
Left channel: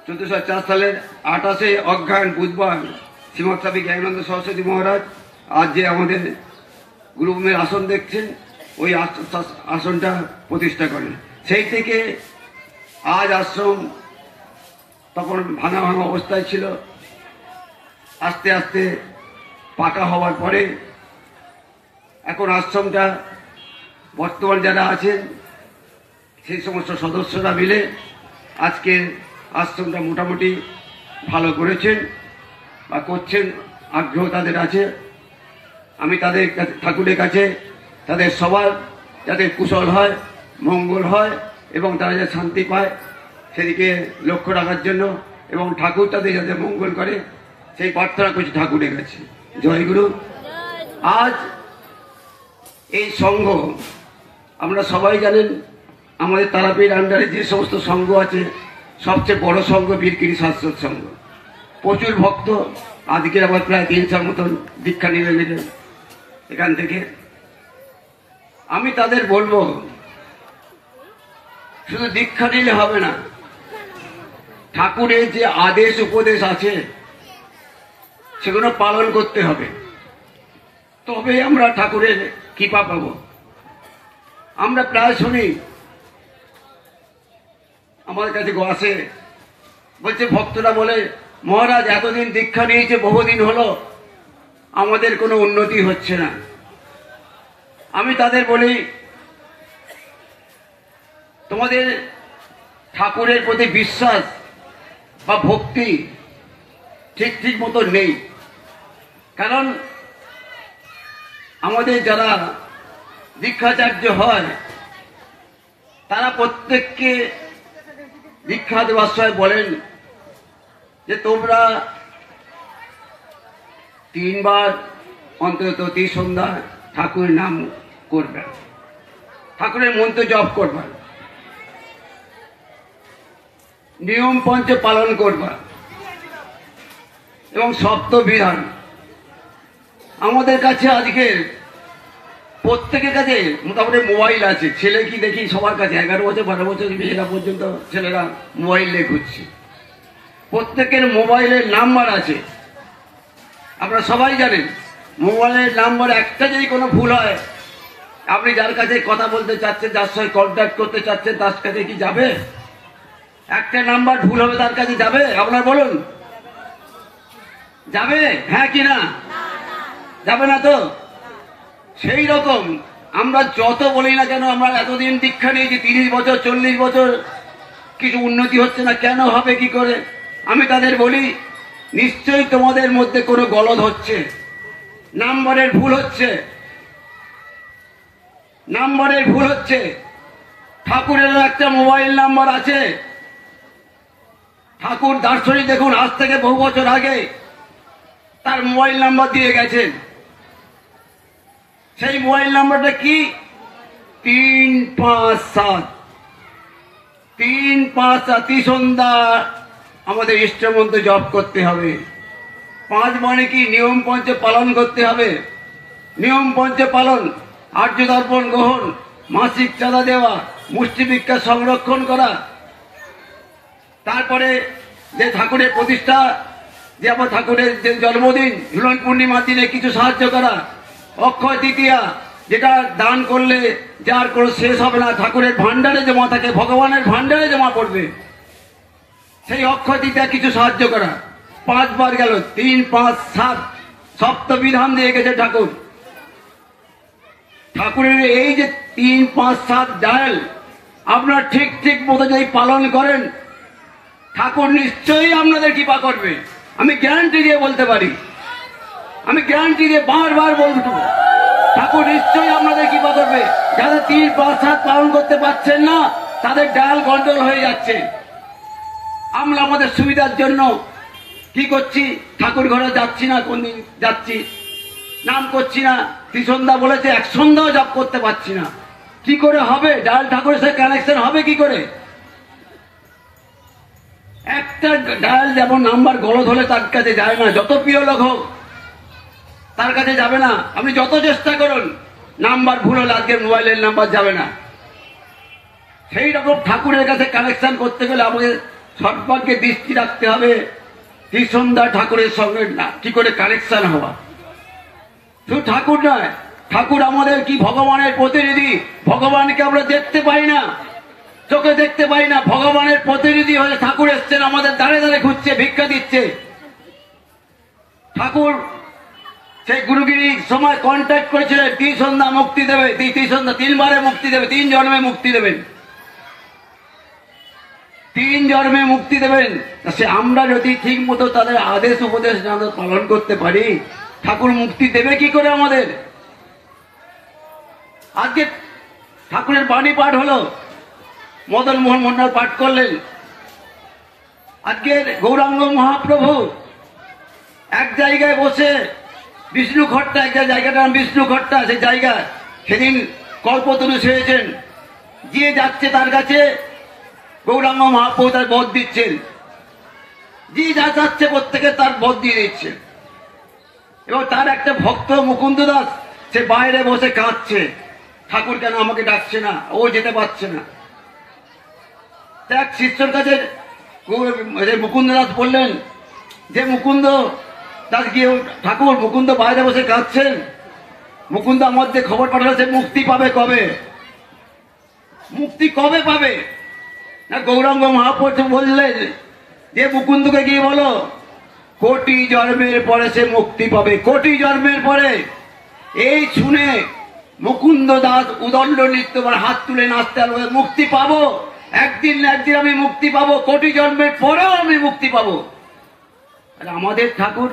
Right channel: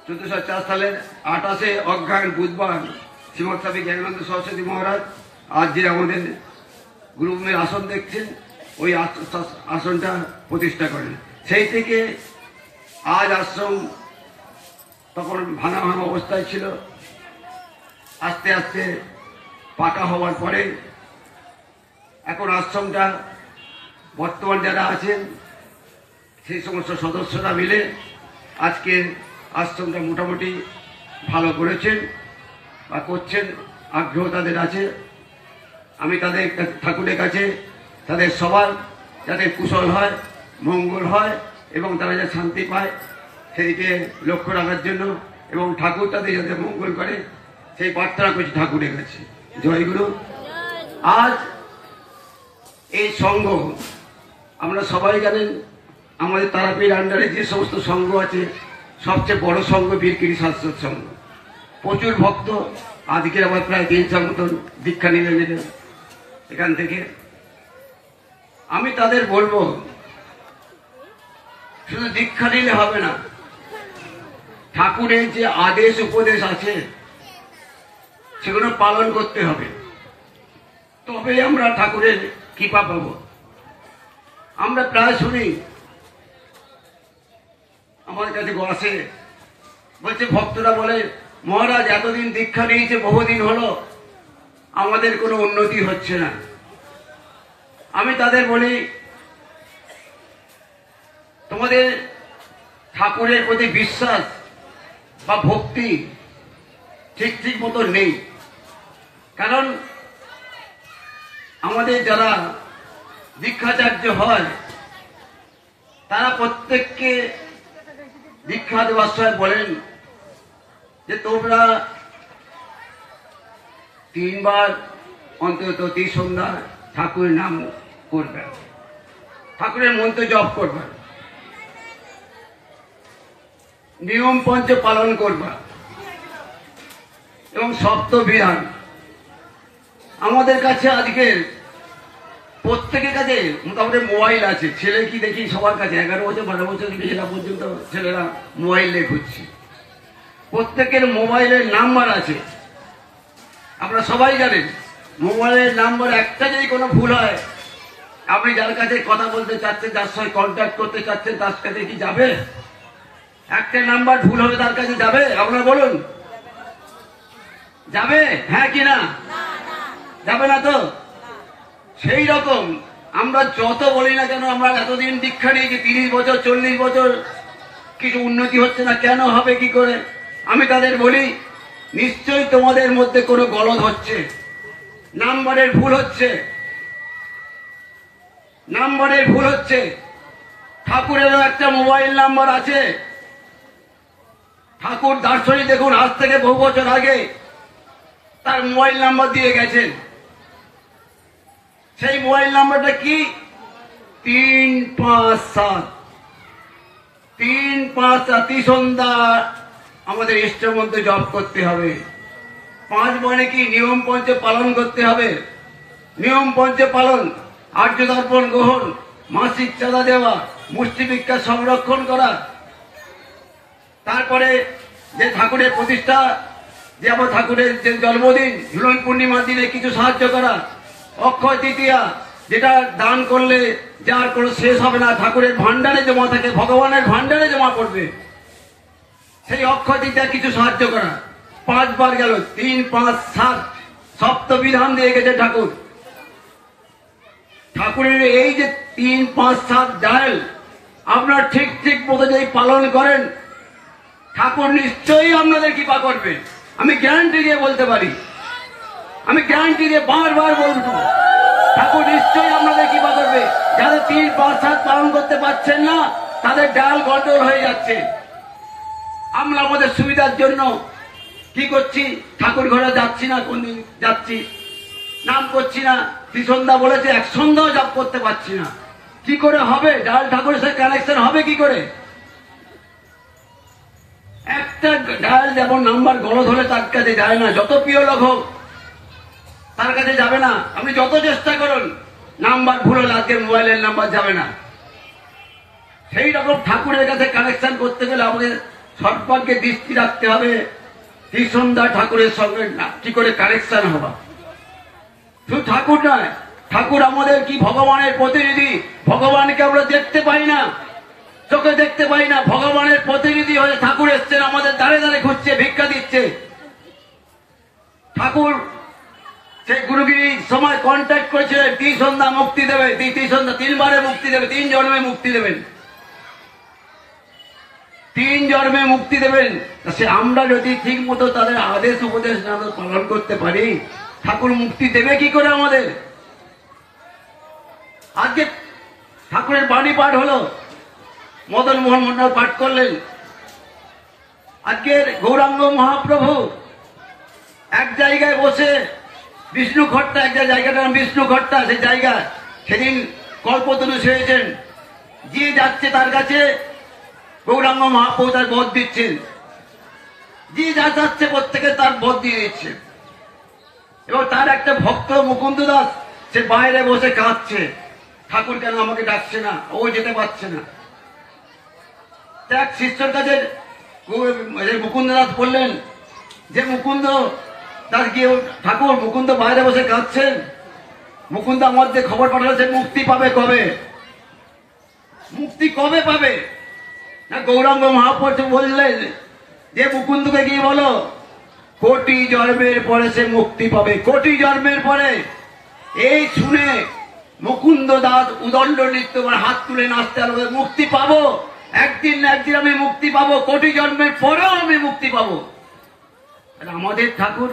1404 সালের 28 অগ্রহায়ণ বুধবার শ্রীমৎ স্বামী জ্ঞানানন্দ সরস্বতী মহারাজ আজ যে আমাদের গুরুমের আসন দেখছেন, ওই আসনটা প্রতিষ্ঠা করেন। সেই থেকে আজ আশ্রম তখন ভাঙা অবস্থায় ছিল। আস্তে আস্তে পাকা হওয়ার পরে এখন আশ্রমটা বর্তমান যারা আছেন সেই সমস্ত সদস্যরা মিলে আজকে আশ্রমটা মোটামুটি ভালো করেছেন বা করছেন, আগ্রহ তাদের আছে। আমি তাদের ঠাকুরের কাছে তাদের সবার যাতে কুশল হয়, মঙ্গল হয় এবং তারা যাতে শান্তি পায় সেদিকে লক্ষ্য রাখার জন্য এবং ঠাকুর তাদের যাতে মঙ্গল করে সেই প্রার্থনা করছি ঠাকুরের কাছে। জয়গুরু। আজ এই সংঘ আমরা সবাই জানেন, আমাদের তারাপীঠ আন্ডারে যে সমস্ত সংঘ আছে সবচেয়ে বড় সংঘ বীরকিটি শাশ্বত সংঘ। প্রচুর ভক্ত, আজকে আবার প্রায় 300 মতন দীক্ষা নিলেন এখান থেকে। আমি তাদের বলবো শুধু দীক্ষা নিলে হবে না, ঠাকুরের যে আদেশ উপদেশ আছে সেগুলো পালন করতে হবে, তবে আমরা ঠাকুরের কৃপা পাবো। আমরা প্রায় শুনি আমাদের কাছে আসে, বলছে ভক্তরা বলে মহারাজ এতদিন দীক্ষা নিয়েছে, বহুদিন হলো, আমাদের কোনো উন্নতি হচ্ছে না। আমি তাদের বলি তোমাদের ঠাকুরের প্রতি বিশ্বাস বা ভক্তি ঠিক মতো নেই। কারণ আমাদের যারা দীক্ষাচার্য হয় তারা প্রত্যেককে দীক্ষা দেওয়ার সময় বলেন যে তোমরা 3 বার অন্তত সন্ধ্যা ঠাকুরের নাম করবেন, ঠাকুরের মন্ত্র জপ করবেন, নিয়ম পঞ্চ পালন করবেন এবং সপ্ত বিধান। আমাদের কাছে আজকের প্রত্যেকের কাছে মোটামুটি মোবাইল আছে। ছেলে কি দেখি সবার কাছে 11 বছর 12 বছর বেশিটা পর্যন্ত ছেলেরা মোবাইল নিয়ে ঘুরছে। প্রত্যেকের মোবাইলের নাম্বার আছে, আপনারা সবাই জানেন। মোবাইলের নাম্বার একটা যদি কোনো ভুল হয়, আপনি যার কাছে কথা বলতে চাচ্ছেন, যার সঙ্গে কন্ট্যাক্ট করতে চাচ্ছেন, তার কাছে কি যাবে? একটা নাম্বার ভুল হবে, তার কাছে যাবে? আপনারা বলুন, যাবে? হ্যাঁ কি না? যাবে না তো? সেই রকম আমরা যত বলি না কেন, আমরা এতদিন দীক্ষা নিয়েছি, 30 বছর 40 বছর, কিছু উন্নতি হচ্ছে না, কেন হবে কি করে? আমি তাদের বলি, নিশ্চয়ই তোমাদের মধ্যে কোনো গলদ হচ্ছে, নাম্বারের ভুল হচ্ছে, নাম্বারের ভুল হচ্ছে। ঠাকুরেরও একটা মোবাইল নাম্বার আছে। ঠাকুর দার্শনিক দেখুন, আজ থেকে বহু বছর আগে তার মোবাইল নাম্বার দিয়ে গেছেন। সেই মোবাইল নাম্বারটা কি? 357 357 সন্ধ্যা আমাদের ইষ্টমন্ত্র জপ করতে হবে। 5 মানে কি? নিয়ম পঞ্চ পালন করতে হবে। নিয়ম পঞ্চ পালন, আর্য দর্পণ গ্রহণ, মাসিক চাঁদা দেওয়া, মুষ্টি ভিক্ষা সংরক্ষণ করা, তারপরে যে ঠাকুরের প্রতিষ্ঠা, যে আমার ঠাকুরের যে জন্মদিন, ঝুলন পূর্ণিমার দিনে কিছু সাহায্য করা, অক্ষয় তৃতীয়া যেটা দান করলে যার কোনো শেষ হবে না, ঠাকুরের ভান্ডারে জমা থাকে, ভগবানের ভান্ডারে জমা পড়বে, সেই অক্ষয় তৃতীয়া কিছু সাহায্য করা। 5 বার গেল, 3 5 7 সপ্ত বিধান দিয়ে গেছে ঠাকুর। ঠাকুরের এই যে 3 5 7 ডায়াল আপনার ঠিক ঠিক মতো যদি পালন করেন, ঠাকুর নিশ্চয়ই আপনাদের কৃপা করবে। আমি গ্যারান্টি দিয়ে বলতে পারি, আমি গ্যারান্টি দিয়ে বারবার বলবো, ঠাকুর নিশ্চয়ই আপনাদের কৃপা করবে। যারা 3 5 7 পালন করতে পারছেন না, তাদের ডায়াল গন্ডগোল হয়ে যাচ্ছে। আমরা আমাদের সুবিধার জন্য কি করছি? ঠাকুর ঘরে যাচ্ছি না, কোনদিন যাচ্ছি, নাম করছি না। ত্রিসন্ধ্যা বলেছে, 1 সন্ধ্যাও জপ করতে পারছি না। কি করে হবে? ডায়াল ঠাকুরের সাথে কানেকশন হবে কি করে? একটা ডায়াল যেমন নাম্বার গলদ হলে তার কাছে যায় না, যত প্রিয় লোক হোক তার কাছে যাবে না। আপনি যত চেষ্টা করুন, নাম্বার ভুল হলে আজকে মোবাইলের নাম্বার যাবে না। সেই রকম ঠাকুরের কাছে কানেকশন করতে গেলে আমাদের সর্বাগ্যে দৃষ্টি রাখতে হবে, ত্রিসন্ধ্যা ঠাকুরের সঙ্গে কি করে কানেকশন হওয়া। শুধু ঠাকুর নয়, ঠাকুর আমাদের কি ভগবানের প্রতিনিধি। ভগবানকে আমরা দেখতে পাই না, চোখে দেখতে পাই না, ভগবানের প্রতিনিধি হয়ে ঠাকুর এসছেন, আমাদের দাঁড়ে দাঁড়ে ঘুরছে, ভিক্ষা দিচ্ছে। ঠাকুর সেই গুরুগিরির সময় কন্ট্যাক্ট করেছিলেন, ত্রিসন্ধ্যা মুক্তি দেবে, ত্রিসন্ধ্যা 3 বারে মুক্তি দেবে, 3 জন্মে মুক্তি দেবেন, 3 জন্মে মুক্তি দেবেন। সে আমরা যদি ঠিক মতো তাদের আদেশ উপদেশ না পালন করতে পারি, ঠাকুর মুক্তি দেবে কি করে আমাদের? আজকে ঠাকুরের বাণী পাঠ হলো, মদন মোহন মন্ডল পাঠ করলেন। আজকের গৌরাঙ্গ মহাপ্রভু এক জায়গায় বসে, বিষ্ণু খট্টা, একটা জায়গাটার নাম বিষ্ণু খট্টা, সেই জায়গায় সেদিন কল্পতরু সেরেছেন। যে যাচ্ছে তার কাছে গৌরাঙ্গ মহাপ্রভু তার বধ দিচ্ছেন, যে যা যাচ্ছে প্রত্যেকে তার বধ দিয়ে দিচ্ছে। এবং তার একটা ভক্ত মুকুন্দ দাস, সে বাইরে বসে কাঁদছে, ঠাকুর কেন আমাকে ডাকছে না, ও যেতে পারছে না। এক শিষ্যর কাছে মুকুন্দ দাস বললেন যে, মুকুন্দ দাস গিয়ে, ঠাকুর মুকুন্দ বাইরে বসে কাঁদছেন, মুকুন্দ আমাদের খবর পাঠাচ্ছে মুক্তি পাবে কবে, মুক্তি কবে পাবে? না গৌরাঙ্গ মহাপ্রভু বললেন যে, মুকুন্দকে গিয়ে বলো, কোটি জন্মের পরে সে মুক্তি পাবে, কোটি জন্মের পরে। এই শুনে মুকুন্দ দাস উদণ্ড নৃত্য করে হাত তুলে নাচতে হবে, মুক্তি পাবো, একদিন না একদিন আমি মুক্তি পাবো, কোটি জন্মের পরেও আমি মুক্তি পাবো। আমাদের ঠাকুর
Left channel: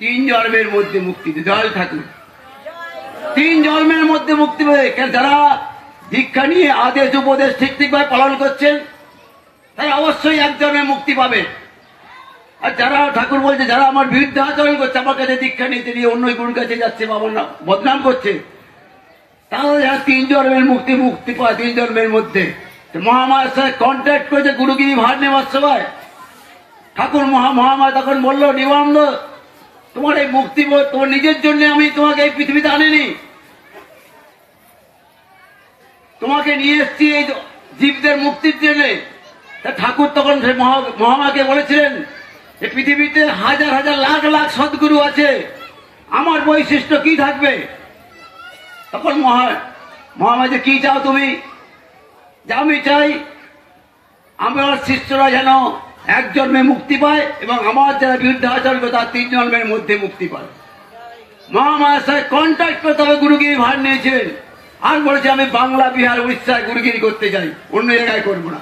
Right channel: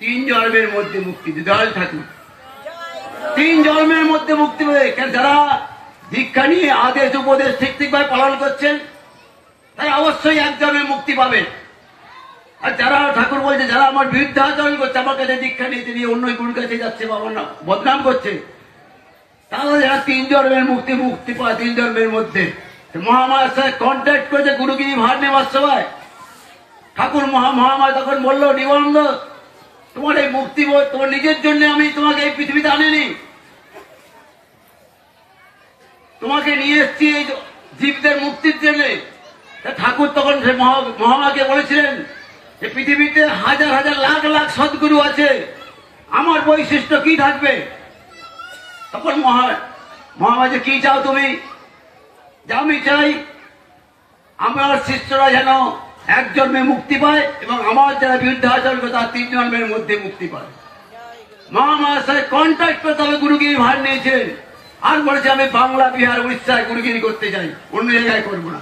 3 জন্মের মধ্যে মুক্তি দেয়, দয়াল ঠাকুর 3 জন্মের মধ্যে মুক্তি পাবে। যারা দীক্ষা নিয়ে আদেশ উপদেশ ঠিক ঠিকভাবে পালন করছেন, তাই অবশ্যই 1 জন্মে মুক্তি পাবে। আর যারা ঠাকুর বলছে, যারা আমার বিরুদ্ধে আচরণ করছে, আমার কাছে দীক্ষা নিতে নিয়ে অন্য গুরুর কাছে যাচ্ছে বা বদনাম করছে, তারা যারা 3 জন্মের মুক্তি পায় 3 জন্মের মধ্যে মহামায়ার সাথে কন্ট্যাক্ট করেছে গুরুগিরি ভার নেওয়ার সময়। ঠাকুর মহামায়া তখন বলল, নিবানন্দ, তোমার এই মুক্তি তোমার নিজের জন্য আমি তোমাকে এই পৃথিবীতে আনিনি, তোমাকে নিয়ে এসছি এই জীবদের মুক্তির জন্য। ঠাকুর তখন মহামায়াকে বলেছিলেন, এই পৃথিবীতে হাজার হাজার লাখ লাখ সদ্গুরু আছে, আমার বৈশিষ্ট্য কি থাকবে? তখন মহামায়া, কি চাও তুমি? যে আমি চাই আমার শিষ্যরা যেন 1 জন্মে মুক্তি পায় এবং আমার যারা বিরুদ্ধাচরণ তার 3 জন্মের মধ্যে মুক্তি পায়। মহামায়ার সাথে কন্ট্যাক্ট করতে হবে গুরুগিরি ভার নিয়েছেন, আর বলেছে আমি বাংলা, বিহার, উড়িষ্যায় গুরুগিরি করতে চাই, অন্য জায়গায় করবো না।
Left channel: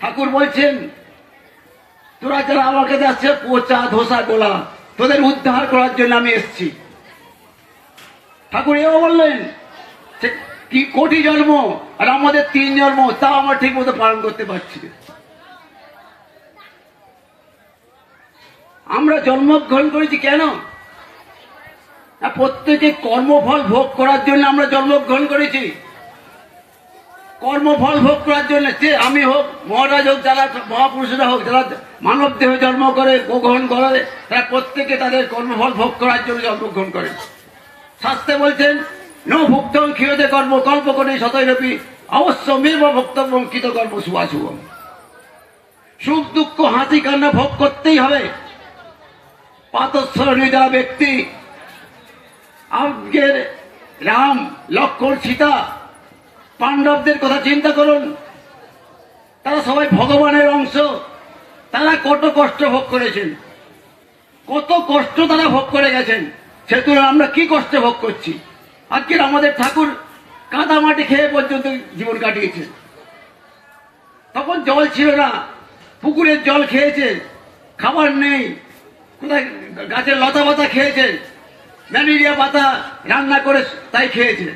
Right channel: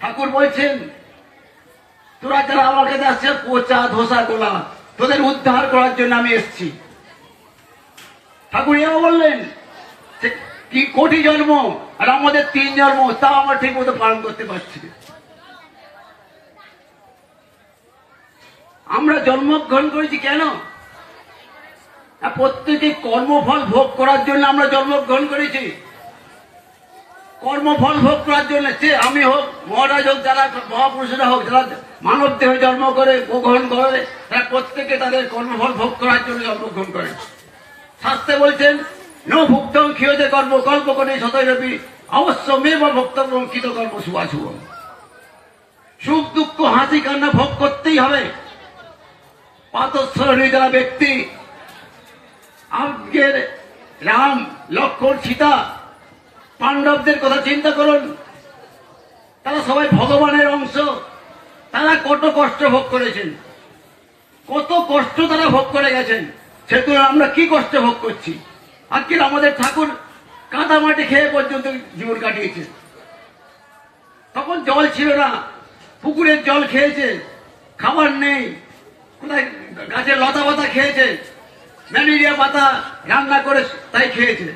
ঠাকুর বলছেন, তোরা যারা আমাকে যাচ্ছে পচা ধোসা গোলা, তোদের উদ্ধার করার জন্য আমি এসছি। ঠাকুর এও বললেন, কি কোটি জন্ম আর আমাদের 3 জন্ম, তাও আমরা ঠিক মতো পালন করতে পারছি না। আমরা জন্মগ্রহণ করেছি কেন? প্রত্যেকে কর্মফল ভোগ করার জন্য আমরা জন্মগ্রহণ করেছি। কর্মফল ভোগ করার জন্য, সে আমি হোক, মহারাজ হোক, যারা মহাপুরুষরা হোক, যারা মানব দেহ জন্ম করে গ্রহণ করে, তারা প্রত্যেকে তাদের কর্মফল ভোগ করার জন্য জন্মগ্রহণ করে। শাস্ত্রে বলছেন, নো ভুক্তং ক্ষীয়তে কর্ম কল্প করে শতরূপী অবশ্য মেব ভক্তব্য কৃত কর্ম শুভাশুভম। সুখ দুঃখ হাসি কান্না ভোগ করতেই হবে। পাতস্বরণী যারা ব্যক্তি, আজকের রাম, লক্ষ্মণ, সীতা, পাণ্ডবদের কথা চিন্তা করুন, তারা সবাই ভগবানের অংশ। তারা কত কষ্ট ভোগ করেছেন, কত কষ্ট তারা ভোগ করে গেছেন, সে তুলনায় আমরা কি কষ্ট ভোগ করছি। আজকের আমাদের ঠাকুর কাদা মাটি খেয়ে পর্যন্ত জীবন কাটিয়েছে। তখন জল ছিল না, পুকুরের জল খেয়েছে, খাবার নেই, কোথায় গাছের লতা পাতা খেয়েছে, ম্যালেরিয়া পাতা রান্না করে তাই খেয়েছে।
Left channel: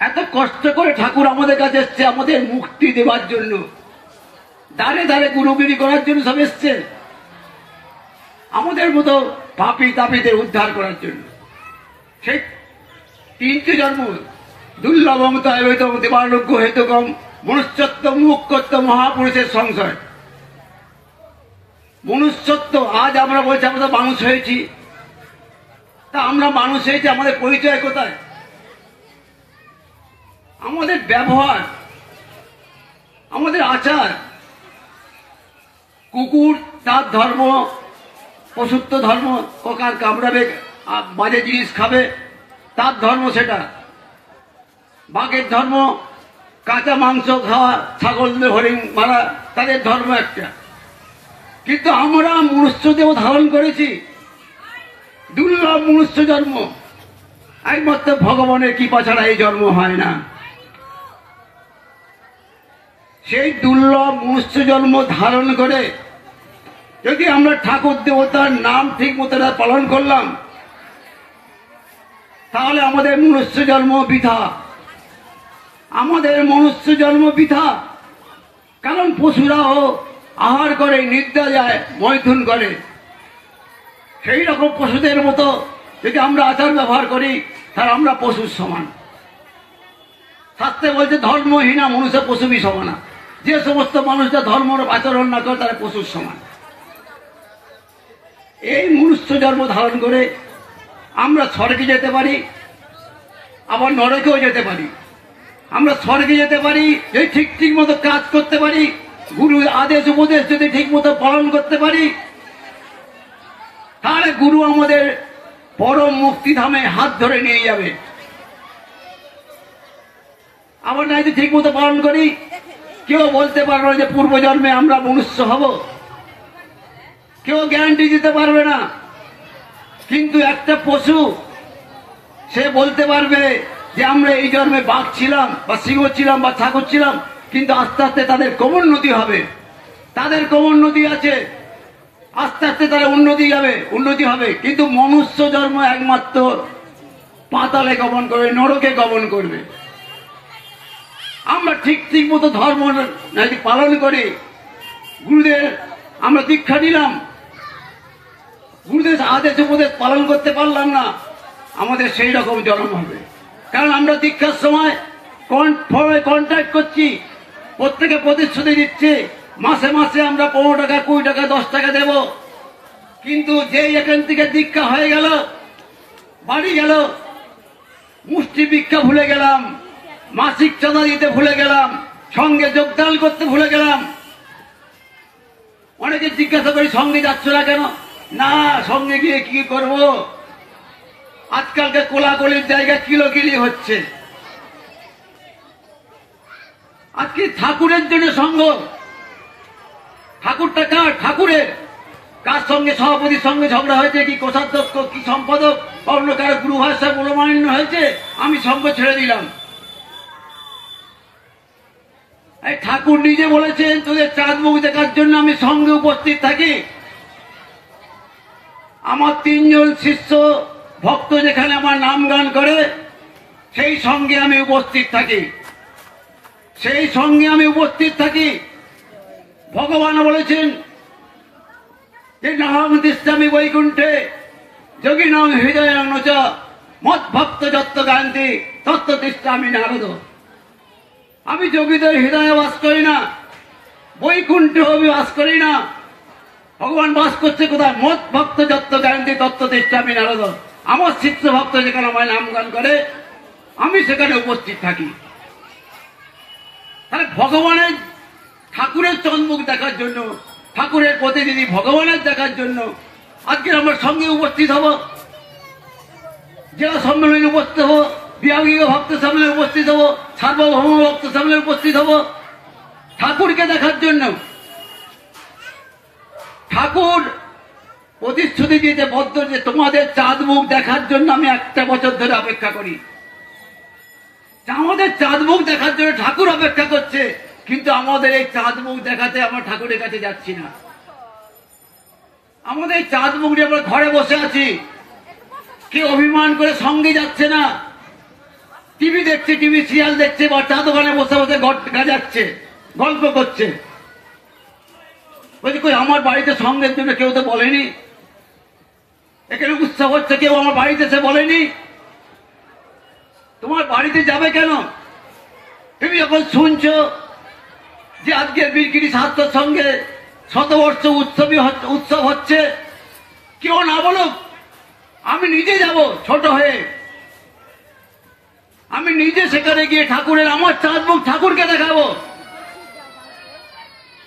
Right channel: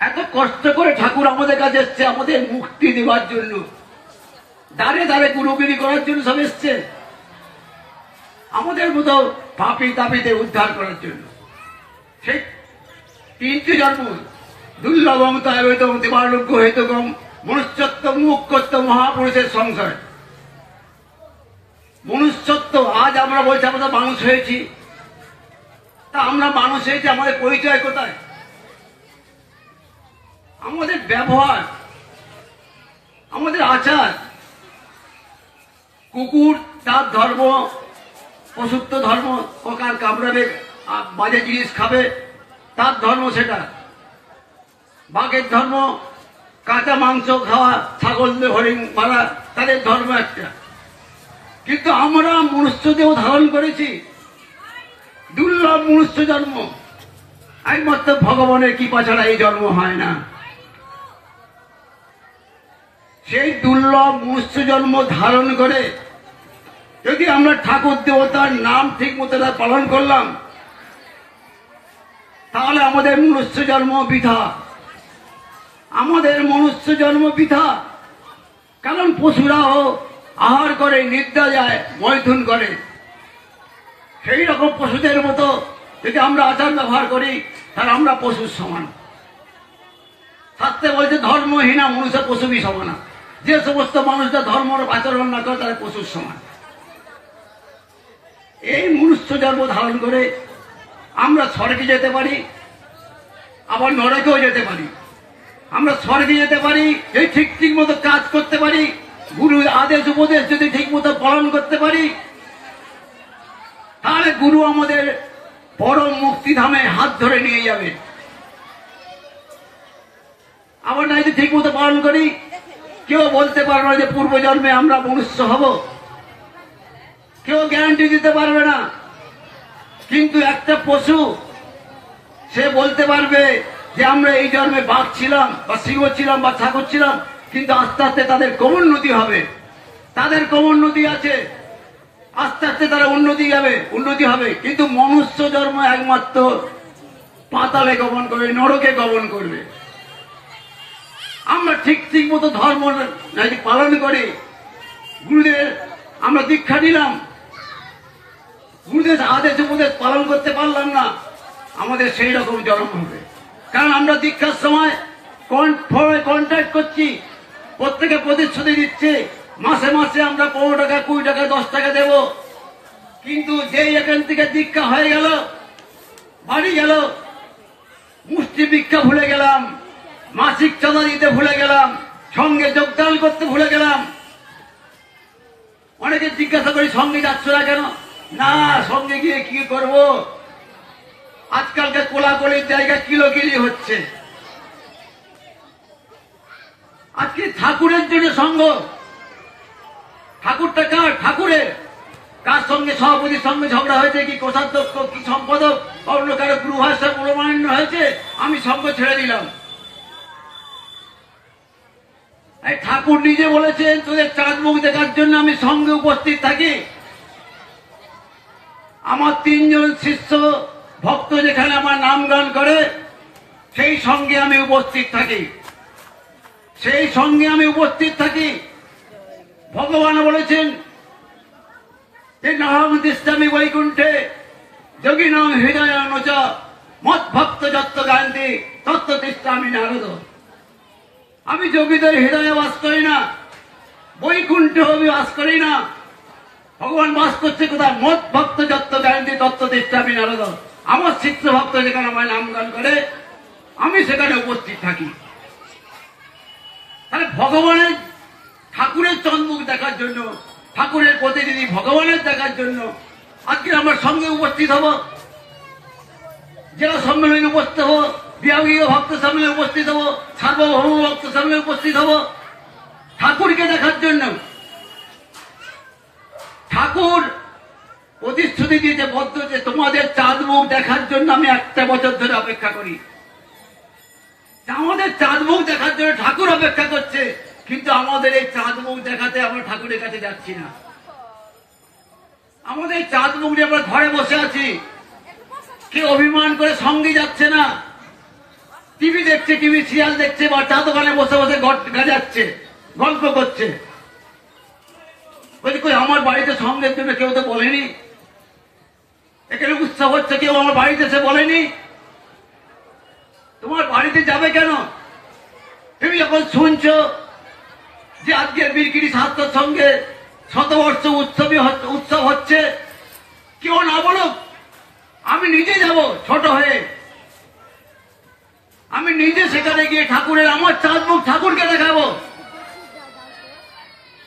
এত কষ্ট করে ঠাকুর আমাদের কাছে এসছে আমাদের মুক্তি দেওয়ার জন্য, দাঁড়ে দাঁড়ে গুরুগিরি করার জন্য সব এসছে, আমাদের মতো পাপী তাপীদের উদ্ধার করার জন্য। সেই 3টি জন্ম, দুর্লভম তৈবতম দেবালোক্য হেতুকম মনুষ্যত্ব মুখ্যত্ব মহাপুরুষের সংশয়। মনুষ্যত্ব, আজ আমরা বলছি আমরা মানুষ হয়েছি, তা আমরা মানুষ হয়েছি, আমাদের পরিচয় কোথায়? আমাদের ব্যবহার, আমাদের আচার। কুকুর তার ধর্ম, পশুত্ব ধর্ম, পোকার কামড়াবে, বাজে জিনিস খাবে, তার ধর্ম সেটা। বাঘের ধর্ম কাঁচা মাংস খাওয়া, ছাগলদের হরিণ মারা, তাদের ধর্ম একটা। কিন্তু আমরা মনুষ্য দেহ ধারণ করেছি, দুর্লভ মনুষ্য জন্ম। একমাত্র ভগবানের কৃপা ছাড়া এই জন্ম হয় না। সেই দুর্লভ মনুষ্য জন্ম ধারণ করে যদি আমরা ঠাকুর দেবতার নাম ঠিক মতো পালন করলাম, তাহলে আমাদের মনুষ্য জন্ম বৃথা। আমাদের মনুষ্য জন্ম বৃথা, কারণ পশুরাও আহার করে, নিদ্রা যায়, মৈথুন করে। সেই রকম পশুদের মতো যদি আমরা আচার ব্যবহার করি, তাহলে আমরা পশুর সমান। শাস্ত্রে বলছে ধর্মহীনা মনুষ্য পশুবি সমানা। যে সমস্ত মানুষরা ধর্ম আচরণ না করে তারা পশুর সমান। এই মনুষ্য জন্ম ধারণ করে আমরা স্বর্গে যেতে পারি, আবার নরকেও যেতে পারি। আমরা স্বর্গে যেতে পারি এই ঠিক মতো কাজ করতে পারি, গুরুর আদেশ উপদেশ যদি ঠিক মতো পালন করতে পারি, তাহলে গুরু আমাদের পরম মুক্তিধামে হাত ধরে নিয়ে যাবে। আমরা না যদি ঠিক মতো পালন করি, কেউ বলতে পারবে না যে পূর্বজন্মে আমরা মনুষ্য হব, কেউ গ্যারান্টি দিতে পারবে না। কিন্তু একটা পশু সে বলতে পারবে যে আমরা এই জন্মে বাঘ ছিলাম বা সিংহ ছিলাম বা ঠাকুর ছিলাম, কিন্তু আস্তে আস্তে তাদের ক্রমোন্নতি হবে। তাদের ক্রমোন্নতি আছে, আস্তে আস্তে তারা উন্নতি হবে। কিন্তু মনুষ্য জন্ম একমাত্র পাতালে গমন করবে, নরকে গমন করবে। আমরা ঠিক মতো ধর্ম পালন করে গুরুদের আমরা দীক্ষা দিলাম, গুরুদেব আদেশ উপদেশ পালন করতে পারলাম না, আমাদের সেই রকম জন্ম হবে। কারণ আমরা দীক্ষার সময় কন্ট্রাক্ট করছি, প্রত্যেকে প্রতিশ্রুতি দিচ্ছে মাসে মাসে আমরা 15 টাকা 20 টাকা 10 টাকা দেব, কিন্তু যেই এখান থেকে দীক্ষা হয়ে গেল, বাড়ি গেল, মুষ্টি ভিক্ষা ভুলে গেলাম, মাসিক চাঁদা দিতে ভুলে গেলাম, সঙ্গে যোগদান করতে ভুলে গেলাম। অনেকে জিজ্ঞাসা করি সঙ্গে যাচ্ছ না কেন? না, সঙ্গে গিয়ে কি করব, আজকালকে কোলাকুলির জায়গা কিলোকিলি হচ্ছে। আজকে ঠাকুরের জন্য সঙ্গ, ঠাকুরটা কার? ঠাকুরের। কার সঙ্গে? সভাপতির সঙ্গে ঝগড়া হয়েছে, কি কোষাধ্যক্ষ, কি সম্পাদক, অন্য কারো গুরু ভাষা মনোমালিন্য হয়েছে, আমি সঙ্গ ছেড়ে দিলাম। ঠাকুর নিজে বলেছেন তোদের চাঁদ মুখ দেখার জন্য আমি সঙ্গে উপস্থিত থাকি। আমার 3 জন শিষ্য ভক্ত যেখানে আমার নাম গান করে, সেই সঙ্গে আমি উপস্থিত থাকি, সেই সঙ্গে আমি উপস্থিত থাকি। ভগবান বলেছেন যে নাহং তিষ্ঠামি বৈকুণ্ঠে যোগিনাং হৃদয়ানুচ মৎ ভক্ত যত্ত গায়ন্তি তত্ত্ব তিষ্ঠামি নারদ। আমি যোগীদের হৃদয়ে বাস করি না, বৈকুণ্ঠে আমি বাস করি না। ভগবান বাস করছে কোথায়? মৎ ভক্ত যত্ত গায়ন্তি তত্ত্ব তিষ্ঠামি নারদ। আমার শিষ্য ভক্ত যেখানে আমার নাম গান করে, আমি সেখানে উপস্থিত থাকি। তাহলে ভগবানের, ঠাকুরের চন্মুখ দেখার জন্য, ঠাকুরের প্রতিনিধি ভগবানের দেখার জন্য আজকে আমার সঙ্গে উপস্থিত হব, জেলা সম্মেলনে উপস্থিত হব, বিভাগীয় ভক্ত সম্মেলনে উপস্থিত হব, সার্বভৌম ভক্ত সম্মেলনে উপস্থিত হব ঠাকুরকে দেখার জন্য। ঠাকুর প্রতিশ্রুতি দিয়েছে বদ্ধ যে তোমাদের চাঁদ মুখ দেখার জন্য আমি 1 বছর ধরে অপেক্ষা করি। আমাদের চাঁদ মুখ দেখার জন্য ঠাকুর অপেক্ষা করছে, কিন্তু আমাদের এই চাঁদ মুখ দেখাতে আমরা ঠাকুরের কাছে যাচ্ছি না। আমাদের এই চাঁদ মুখ নিয়ে আমরা ঘরে বসে আছি, কেউ অভিমান করে সঙ্গে যাচ্ছে না, টিভি দেখছে, টিভি সিরিয়াল দেখছে, বা চা দোকানে বসে বসে গাজাচ্ছে, গল্প করছে। বলছি কই আমার বাড়িতে সঙ্গের জন্য কেউ তো বলেনি, এখানে উৎসব হচ্ছে, কেউ আমার বাড়িতে সে বলেনি। তোমার বাড়িতে যাবে কেন? তুমি যখন শুনছ যে আজকে বীরগিরি ছাত্র সঙ্গে 100 বর্ষ উৎসব হচ্ছে, কেউ না বলুক, আমি নিজে যাব ছোট হয়ে, আমি নিজে সেখানে গিয়ে ঠাকুরের আমার চাঁদ মুখ ঠাকুরকে দেখাবো।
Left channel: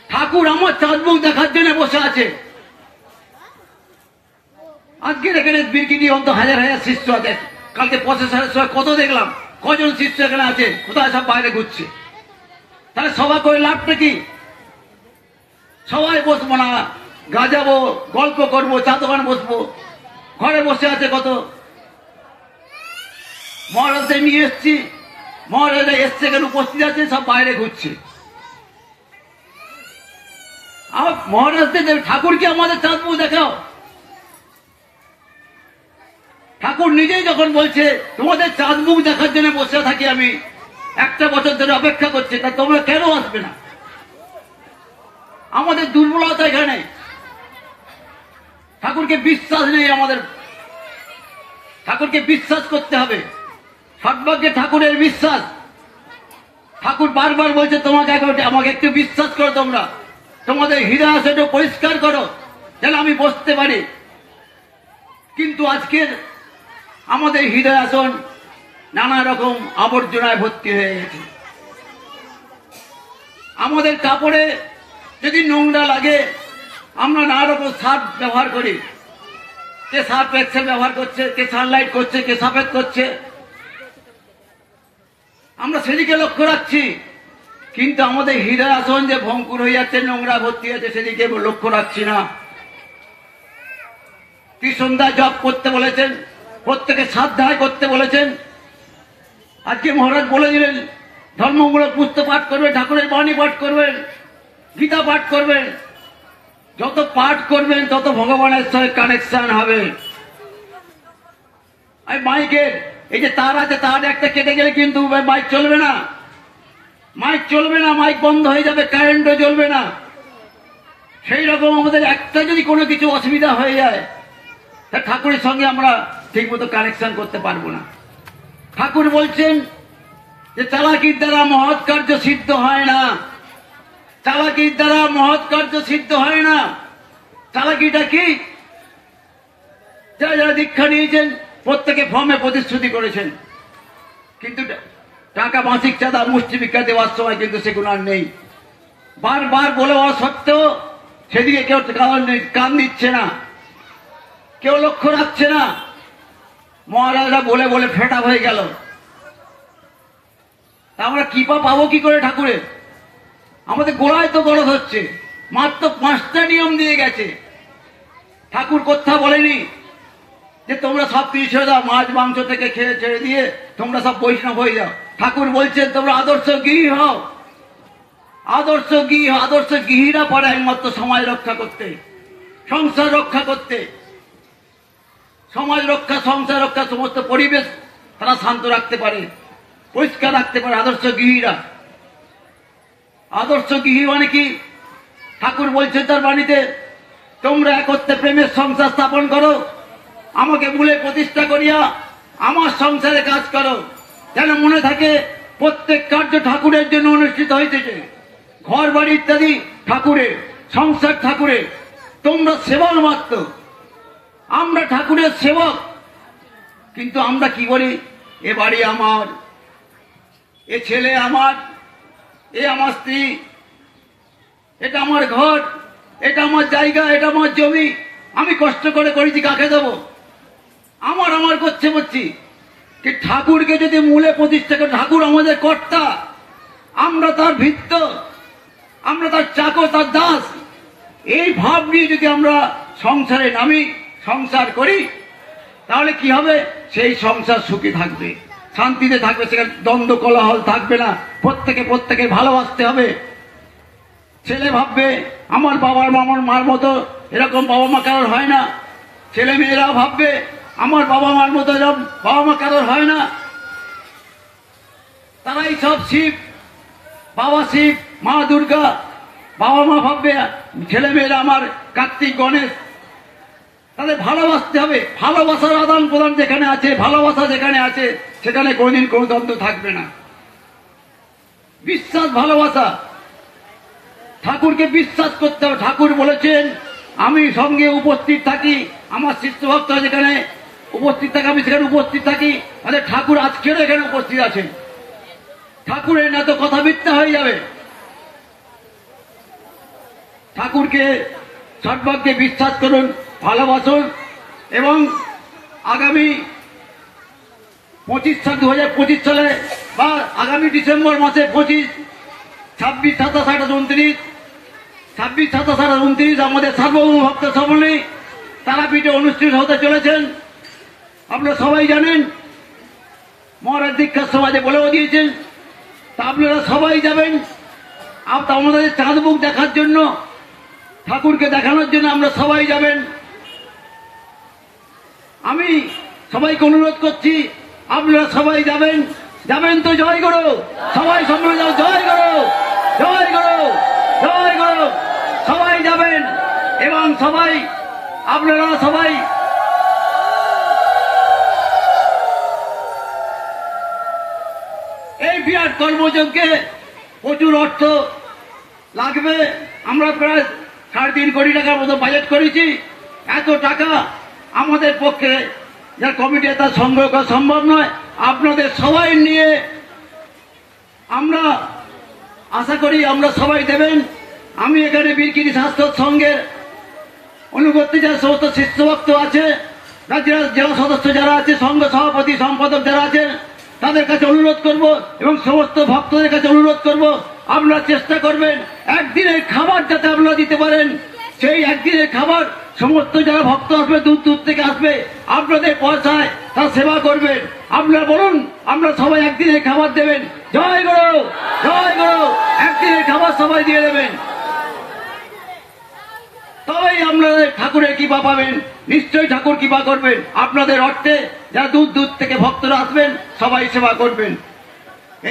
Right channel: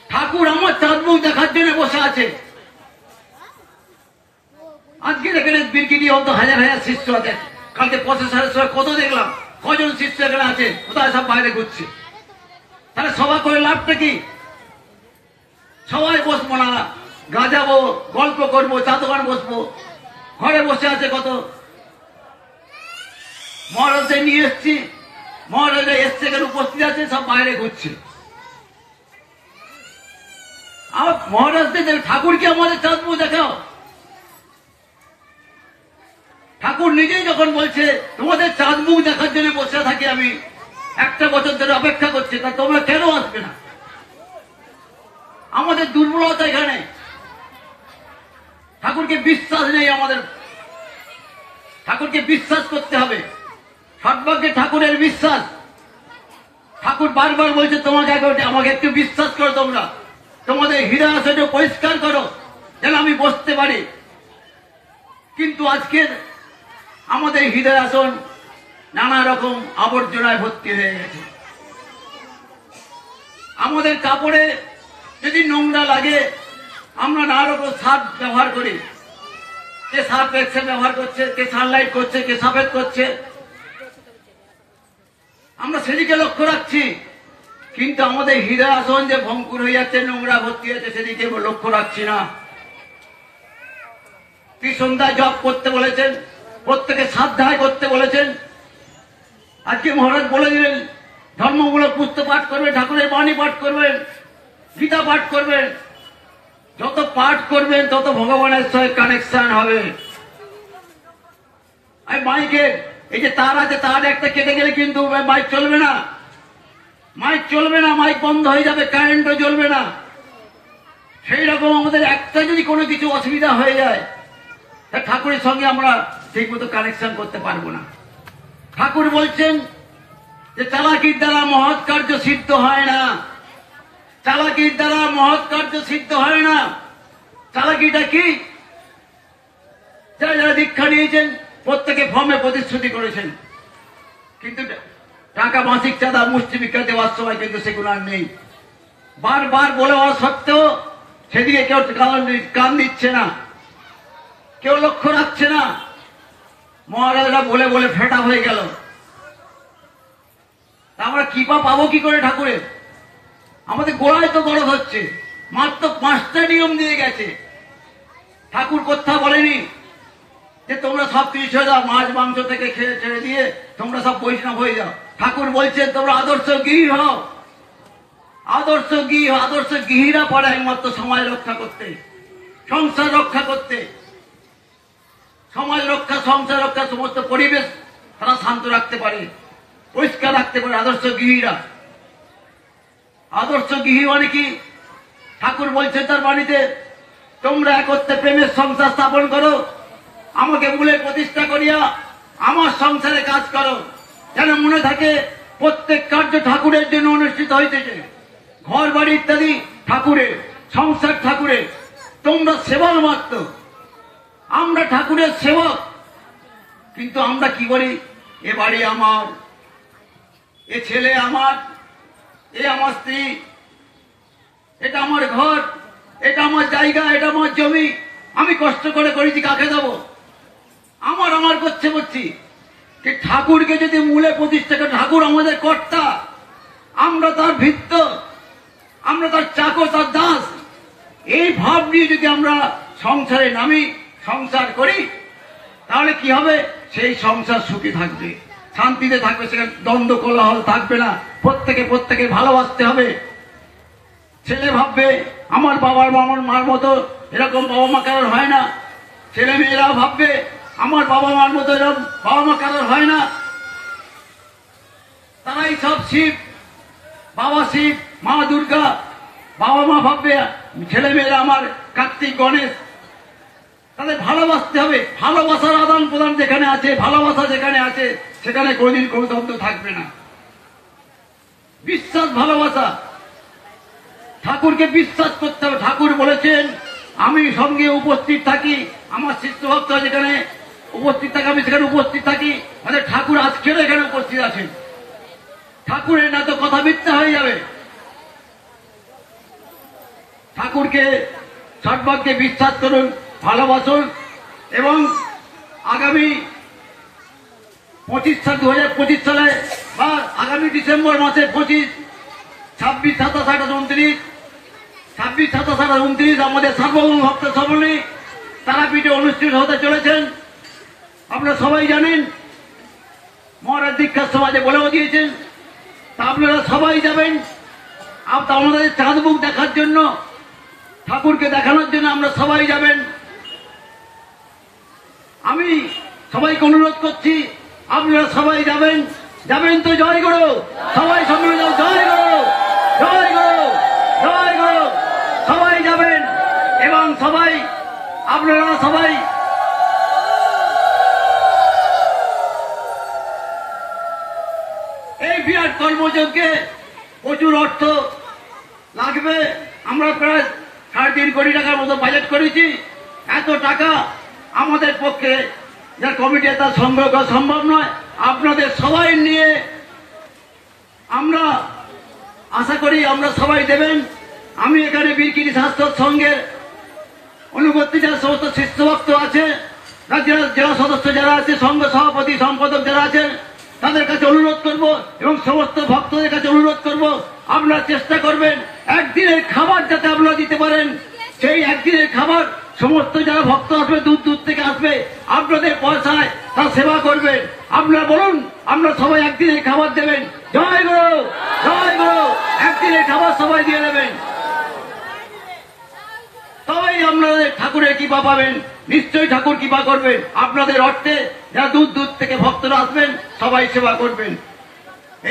ঠাকুর আমার চাঁদ মুখ দেখার জন্য বসে আছে। আজকে এখানে বীরগিরি অন্ত হাজার হাজার শিষ্য আছে, কালকে প্রসেসরের সময় কত দেখলাম, কজন শিষ্য এখানে আছে, কোথায় সব বাইরে ঘুরছে। তাহলে সভা করে লাভটা কি? সবাই বসবো না, গাজাবো, গল্প করবো, চা দোকানে বসবো, ঘরে বসে আছে কত। মহারাজদের নিয়ে এসছি, মহারাজরা এসছে এখানে উপস্থিত আছে, সব বাইরে ঘুরছে। আমার মহারাজদের ঠাকুরকে আমাদের চাঁদ মুখ দেখাও। ঠাকুর নিজেই যখন বলছে তোমাদের চাঁদ মুখ দেখার জন্য বসে থাকি আমি, 1 বছর ধরে অপেক্ষা করছি, তা তোমরা কেন আসবে না? আমাদের দুর্বলতা এখানে, ঠাকুরকে বিশ্বাস নেই আমাদের। ঠাকুরকে বিশ্বাস করতে হবে, সর্বজ্ঞ ঠাকুরের বিশ্বাস। ঠাকুর বারবার বলছে তোমাকে আমাকে একটু বিশ্বাস করো, তোমরা তোমাদের হৃদয় আসন পরিষ্কার করো যেন আমি বসতে পারি। কিন্তু আজকের আমাদের হৃদয় আসন নানা রকম আবর্জনায় ভর্তি হয়ে গেছে। আমাদের কাপড়ে যদি নোংরা লাগে আমরা নানা রকম সার্ফ ব্যবহার করি, কে সার্ফ এক্সেল ব্যবহার করছে, কে সানলাইট করছে, কে সফেদ করছে, আমরা সেদিকে লক্ষ্য রাখছি। কিন্তু আমাদের হৃদয় আসন যে ভঙ্কুর হয়ে যাচ্ছে, নোংরা ভর্তি হয়েছে, সেদিকে লক্ষ্য রাখছি না। ত্রিসন্ধ্যা জপ করতে বলেছেন, প্রত্যেকে সাধ্যায় করতে বলেছেন। আজকে মহারাজ বলে দিলেন ধর্মমূলক পুস্তক পাঠ করবেন, ঠাকুরের বাণী পাঠ করবেন, গীতা পাঠ করবেন। যত পাঠ করবেন তত ভগবানের সঙ্গে কানেকশন হবে। আর মাইকের এই যে তার আছে, তার একটা কেটে গেলে কিন্তু মাইক চলবে না, মাইক চলবে না, মাইক বন্ধ হয়ে যাবে, কারেন্টও জ্বলবে না। সেই রকম আমাদের একটা যদি কোনো কিছু অসুবিধা হয়ে যায়, তা ঠাকুরের সঙ্গে আমরা ঠিক মতো কানেকশন করতে পারবো না। ঠাকুর বলছেন যে চালাকির দ্বারা মহৎ কার্য সিদ্ধ হয় না, চালাকির দ্বারা মহৎ কার্য সিদ্ধ হয় না। চালাকিটা কি? যারা যারা দীক্ষা নিয়েছেন প্রত্যেকে ফর্মে প্রতিশ্রুতি করেছেন, কিন্তু টাকা মাসিক চাঁদা মুষ্টি ভিক্ষা দেওয়ার সময় কিন্তু সেগুলো আর নেই। বারবার বলে হওয়া সত্ত্বেও সেদিকে কেউ কান দিচ্ছে না, কেউ লক্ষ্য রাখছে না। মহারাজরা বলে বলে ফেটা হয়ে গেল। আমরা কৃপা পাবো কি করে ঠাকুরের? আমাদের গোড়ায় তো দরদ হচ্ছে, মাত্র 5টা নিয়ম দিয়ে গেছে। ঠাকুর কথা বলেনি যে তোমরা সব কিছু ছেড়ে দাও, মাছ মাংস থেকে খেয়ে ছেড়ে দিয়ে তোমরা সব বৈষ্ণব হয়ে যাও। ঠাকুর বলছেন তোমরা আদর্শ গৃহী হও, আদর্শ গৃহী। আদর্শ গৃহীরা পারে একমাত্র সমাজ রক্ষা করতে, সংসার রক্ষা করতে। সমাজ রক্ষা, সংসার রক্ষা, সমস্ত পরিবেশ তারা শান্ত রাখতে পারে, পরিষ্কার রাখতে পারে আদর্শ গৃহীরা। আদর্শ গৃহী মানে কি? ঠাকুর বলছেন তার বাণীতে, তোমরা একত্রে প্রেমের সংসার স্থাপন করো, আমাকে মূলে প্রতিষ্ঠা করিয়া আমার সংসারে কাজ করো। যেন মনে থাকে প্রত্যেক কার্য ঠাকুরের জন্য অনুষ্ঠিত হইতেছে। ঘর বাড়ি ইত্যাদি ঠাকুরের, সংসার ঠাকুরের, তোমরা সেবার মাত্র। আমরা ঠাকুরের সেবক, কিন্তু আমরা কি বলি? এ বাড়ি আমার, এ ছেলে আমার, এ আমার স্ত্রী, এটা আমার ঘর, এটা আমার জায়গা, এটা আমার জমি, আমি কষ্ট করে করেছি, কাকে দেব? আমার আমার করছে করছি। কি ঠাকুরকে যদি মূলে প্রতিষ্ঠা করে, ঠাকুর আমাদের কর্তা, আমরা তার ভিত্ত, আমরা তার চাকর, তার দাস। এই ভাব নিয়ে যদি আমরা সংসারে নামি, সংসার করি, তাহলে কি হবে? সেই সংসার সুখী থাকবে, শান্তিতে থাকবে, সেখানে দ্বন্দ্ব কোলাহল থাকবে না। প্রত্যেকে প্রত্যেকে ভালোবাসতে হবে। ছেলে ভাববে আমার বাবার আমার মার মতো এরকম বাবা মা কারোর হয় না। ছেলে মেয়েরা ভাববে আমার বাবা মার মতো এরকম বাবা মা কারোর হয় না। তারাই সব শিব, বাবা শিব, মা দুর্গা। বাবা মা ভাববে ছেলে মেয়েরা আমার কার্তিক, গণেশ। তাদের ভালোবাসতে হবে। ভালোবাসার আদান প্রদান যেখানে আছে, ভালোবাসা যেখানে আছে, সেখানে কোনদিন কোনো দ্বন্দ্ব থাকবে না। বিশ্বাস, ভালোবাসা। ঠাকুরকে বিশ্বাস করতে হবে। ঠাকুর বলেছেন আমি সঙ্গে উপস্থিত থাকি, আমার শিষ্য ভক্ত যেখানে উপস্থিত থাকে আমি সেখানে উপস্থিত থাকি। মানে ঠাকুর আজকেও এখানে উপস্থিত আছেন। ঠাকুরের না তো কথা মিথ্যা হয়ে যাবে। ঠাকুরকে সর্বজ্ঞে বিশ্বাস করুন, ভালোবাসুন, এবং আগামী 2025 সালে বা আগামী ডিসেম্বর মাসে 25, 26, 27, 28, 29, 26, 27, 28, 29 আমাদের সার্বভৌম ভক্ত সম্মেলনী তারাপীঠে অনুষ্ঠিত হতে চলেছেন। আপনারা সবাই জানেন, মহারাজ দীক্ষার সমাজে বলেও দিয়েছেন। তা আপনারা সবাই যাবেন। আমাদের চাঁদ মুখ দেখার জন্য, ঠাকুরকে দেখানোর জন্য আমরা সবাই যাবেন। আমি সবাইকে অনুরোধ করছি আপনারা সবাই যাবেন। যাবেন তো? জয় গুরু। সবাই সম্মিলিত জয় গুরু, জয় গুরু, জয় গুরু। সবাই যাবেন এবং সবাই আপনারা সবাই এই বিরাট কর্মযজ্ঞে প্রচুর অর্থ লাগবে। আমরা প্রায় 3.5 কোটি টাকার মতো বাজেট করেছি। এত টাকা আমাদের পক্ষে যে কমিটি তা সংগ্রহ করা সম্ভব নয়। আপনাদের সবাই নিয়ে আমরা আশা করি আমরা সবাই দেবেন। আমি এখানে বীরগিরি স্বাস্থ্য সংঘের অনুবর্তী যারা সমস্ত শিষ্য ভক্ত আছে, জেলা সদস্য যারা আছে, সংঘ সভাপতি, সম্পাদক যারা আছেন, তাদের কাছে অনুরোধ করব এবং সমস্ত ভক্তদের কাছে অনুরোধ করব আপনারা চেষ্টা করবেন একদিনের খাবার যাতে আপনারা দিতে পারেন। সেই একদিনের খাবার সমস্ত যারা ভক্ত আসবে, দূর দূর থেকে আসবে, আপনাদের পয়সায় তারা সেবা করবেন। আপনারা বলুন আমরা সবাই একদিনের খাবার দেবেন। জয় গুরু, জয় গুরু। একদিনের খাবার সবাই দিয়ে দেবেন, তবেই আপনাদের ঠাকুরের কৃপা পাবেন। নিশ্চয়ই ঠাকুর কৃপা করবেন। আপনাদের অর্থে যারা দূর দূর থেকে ভক্তরা আসবেন সবাই সেবা করবেন।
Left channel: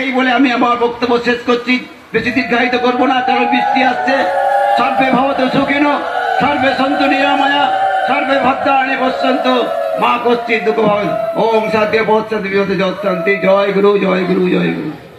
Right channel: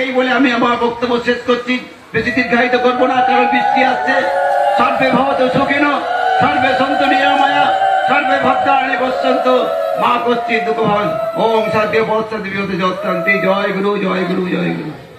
এই বলে আমি আমার বক্তব্য শেষ করছি। বেশি দীর্ঘায়িত করবো না, কারণ বৃষ্টি আসছে। সর্বে ভবতু সুখিনো, সর্বে সন্তু নিরাময়া, सर्वे भक्तानि पश्यन्तु मा कश्चित् दुःखभाग्। ओम सत्य बोध सत्य जय गुरु जय गुरु जय गुरु।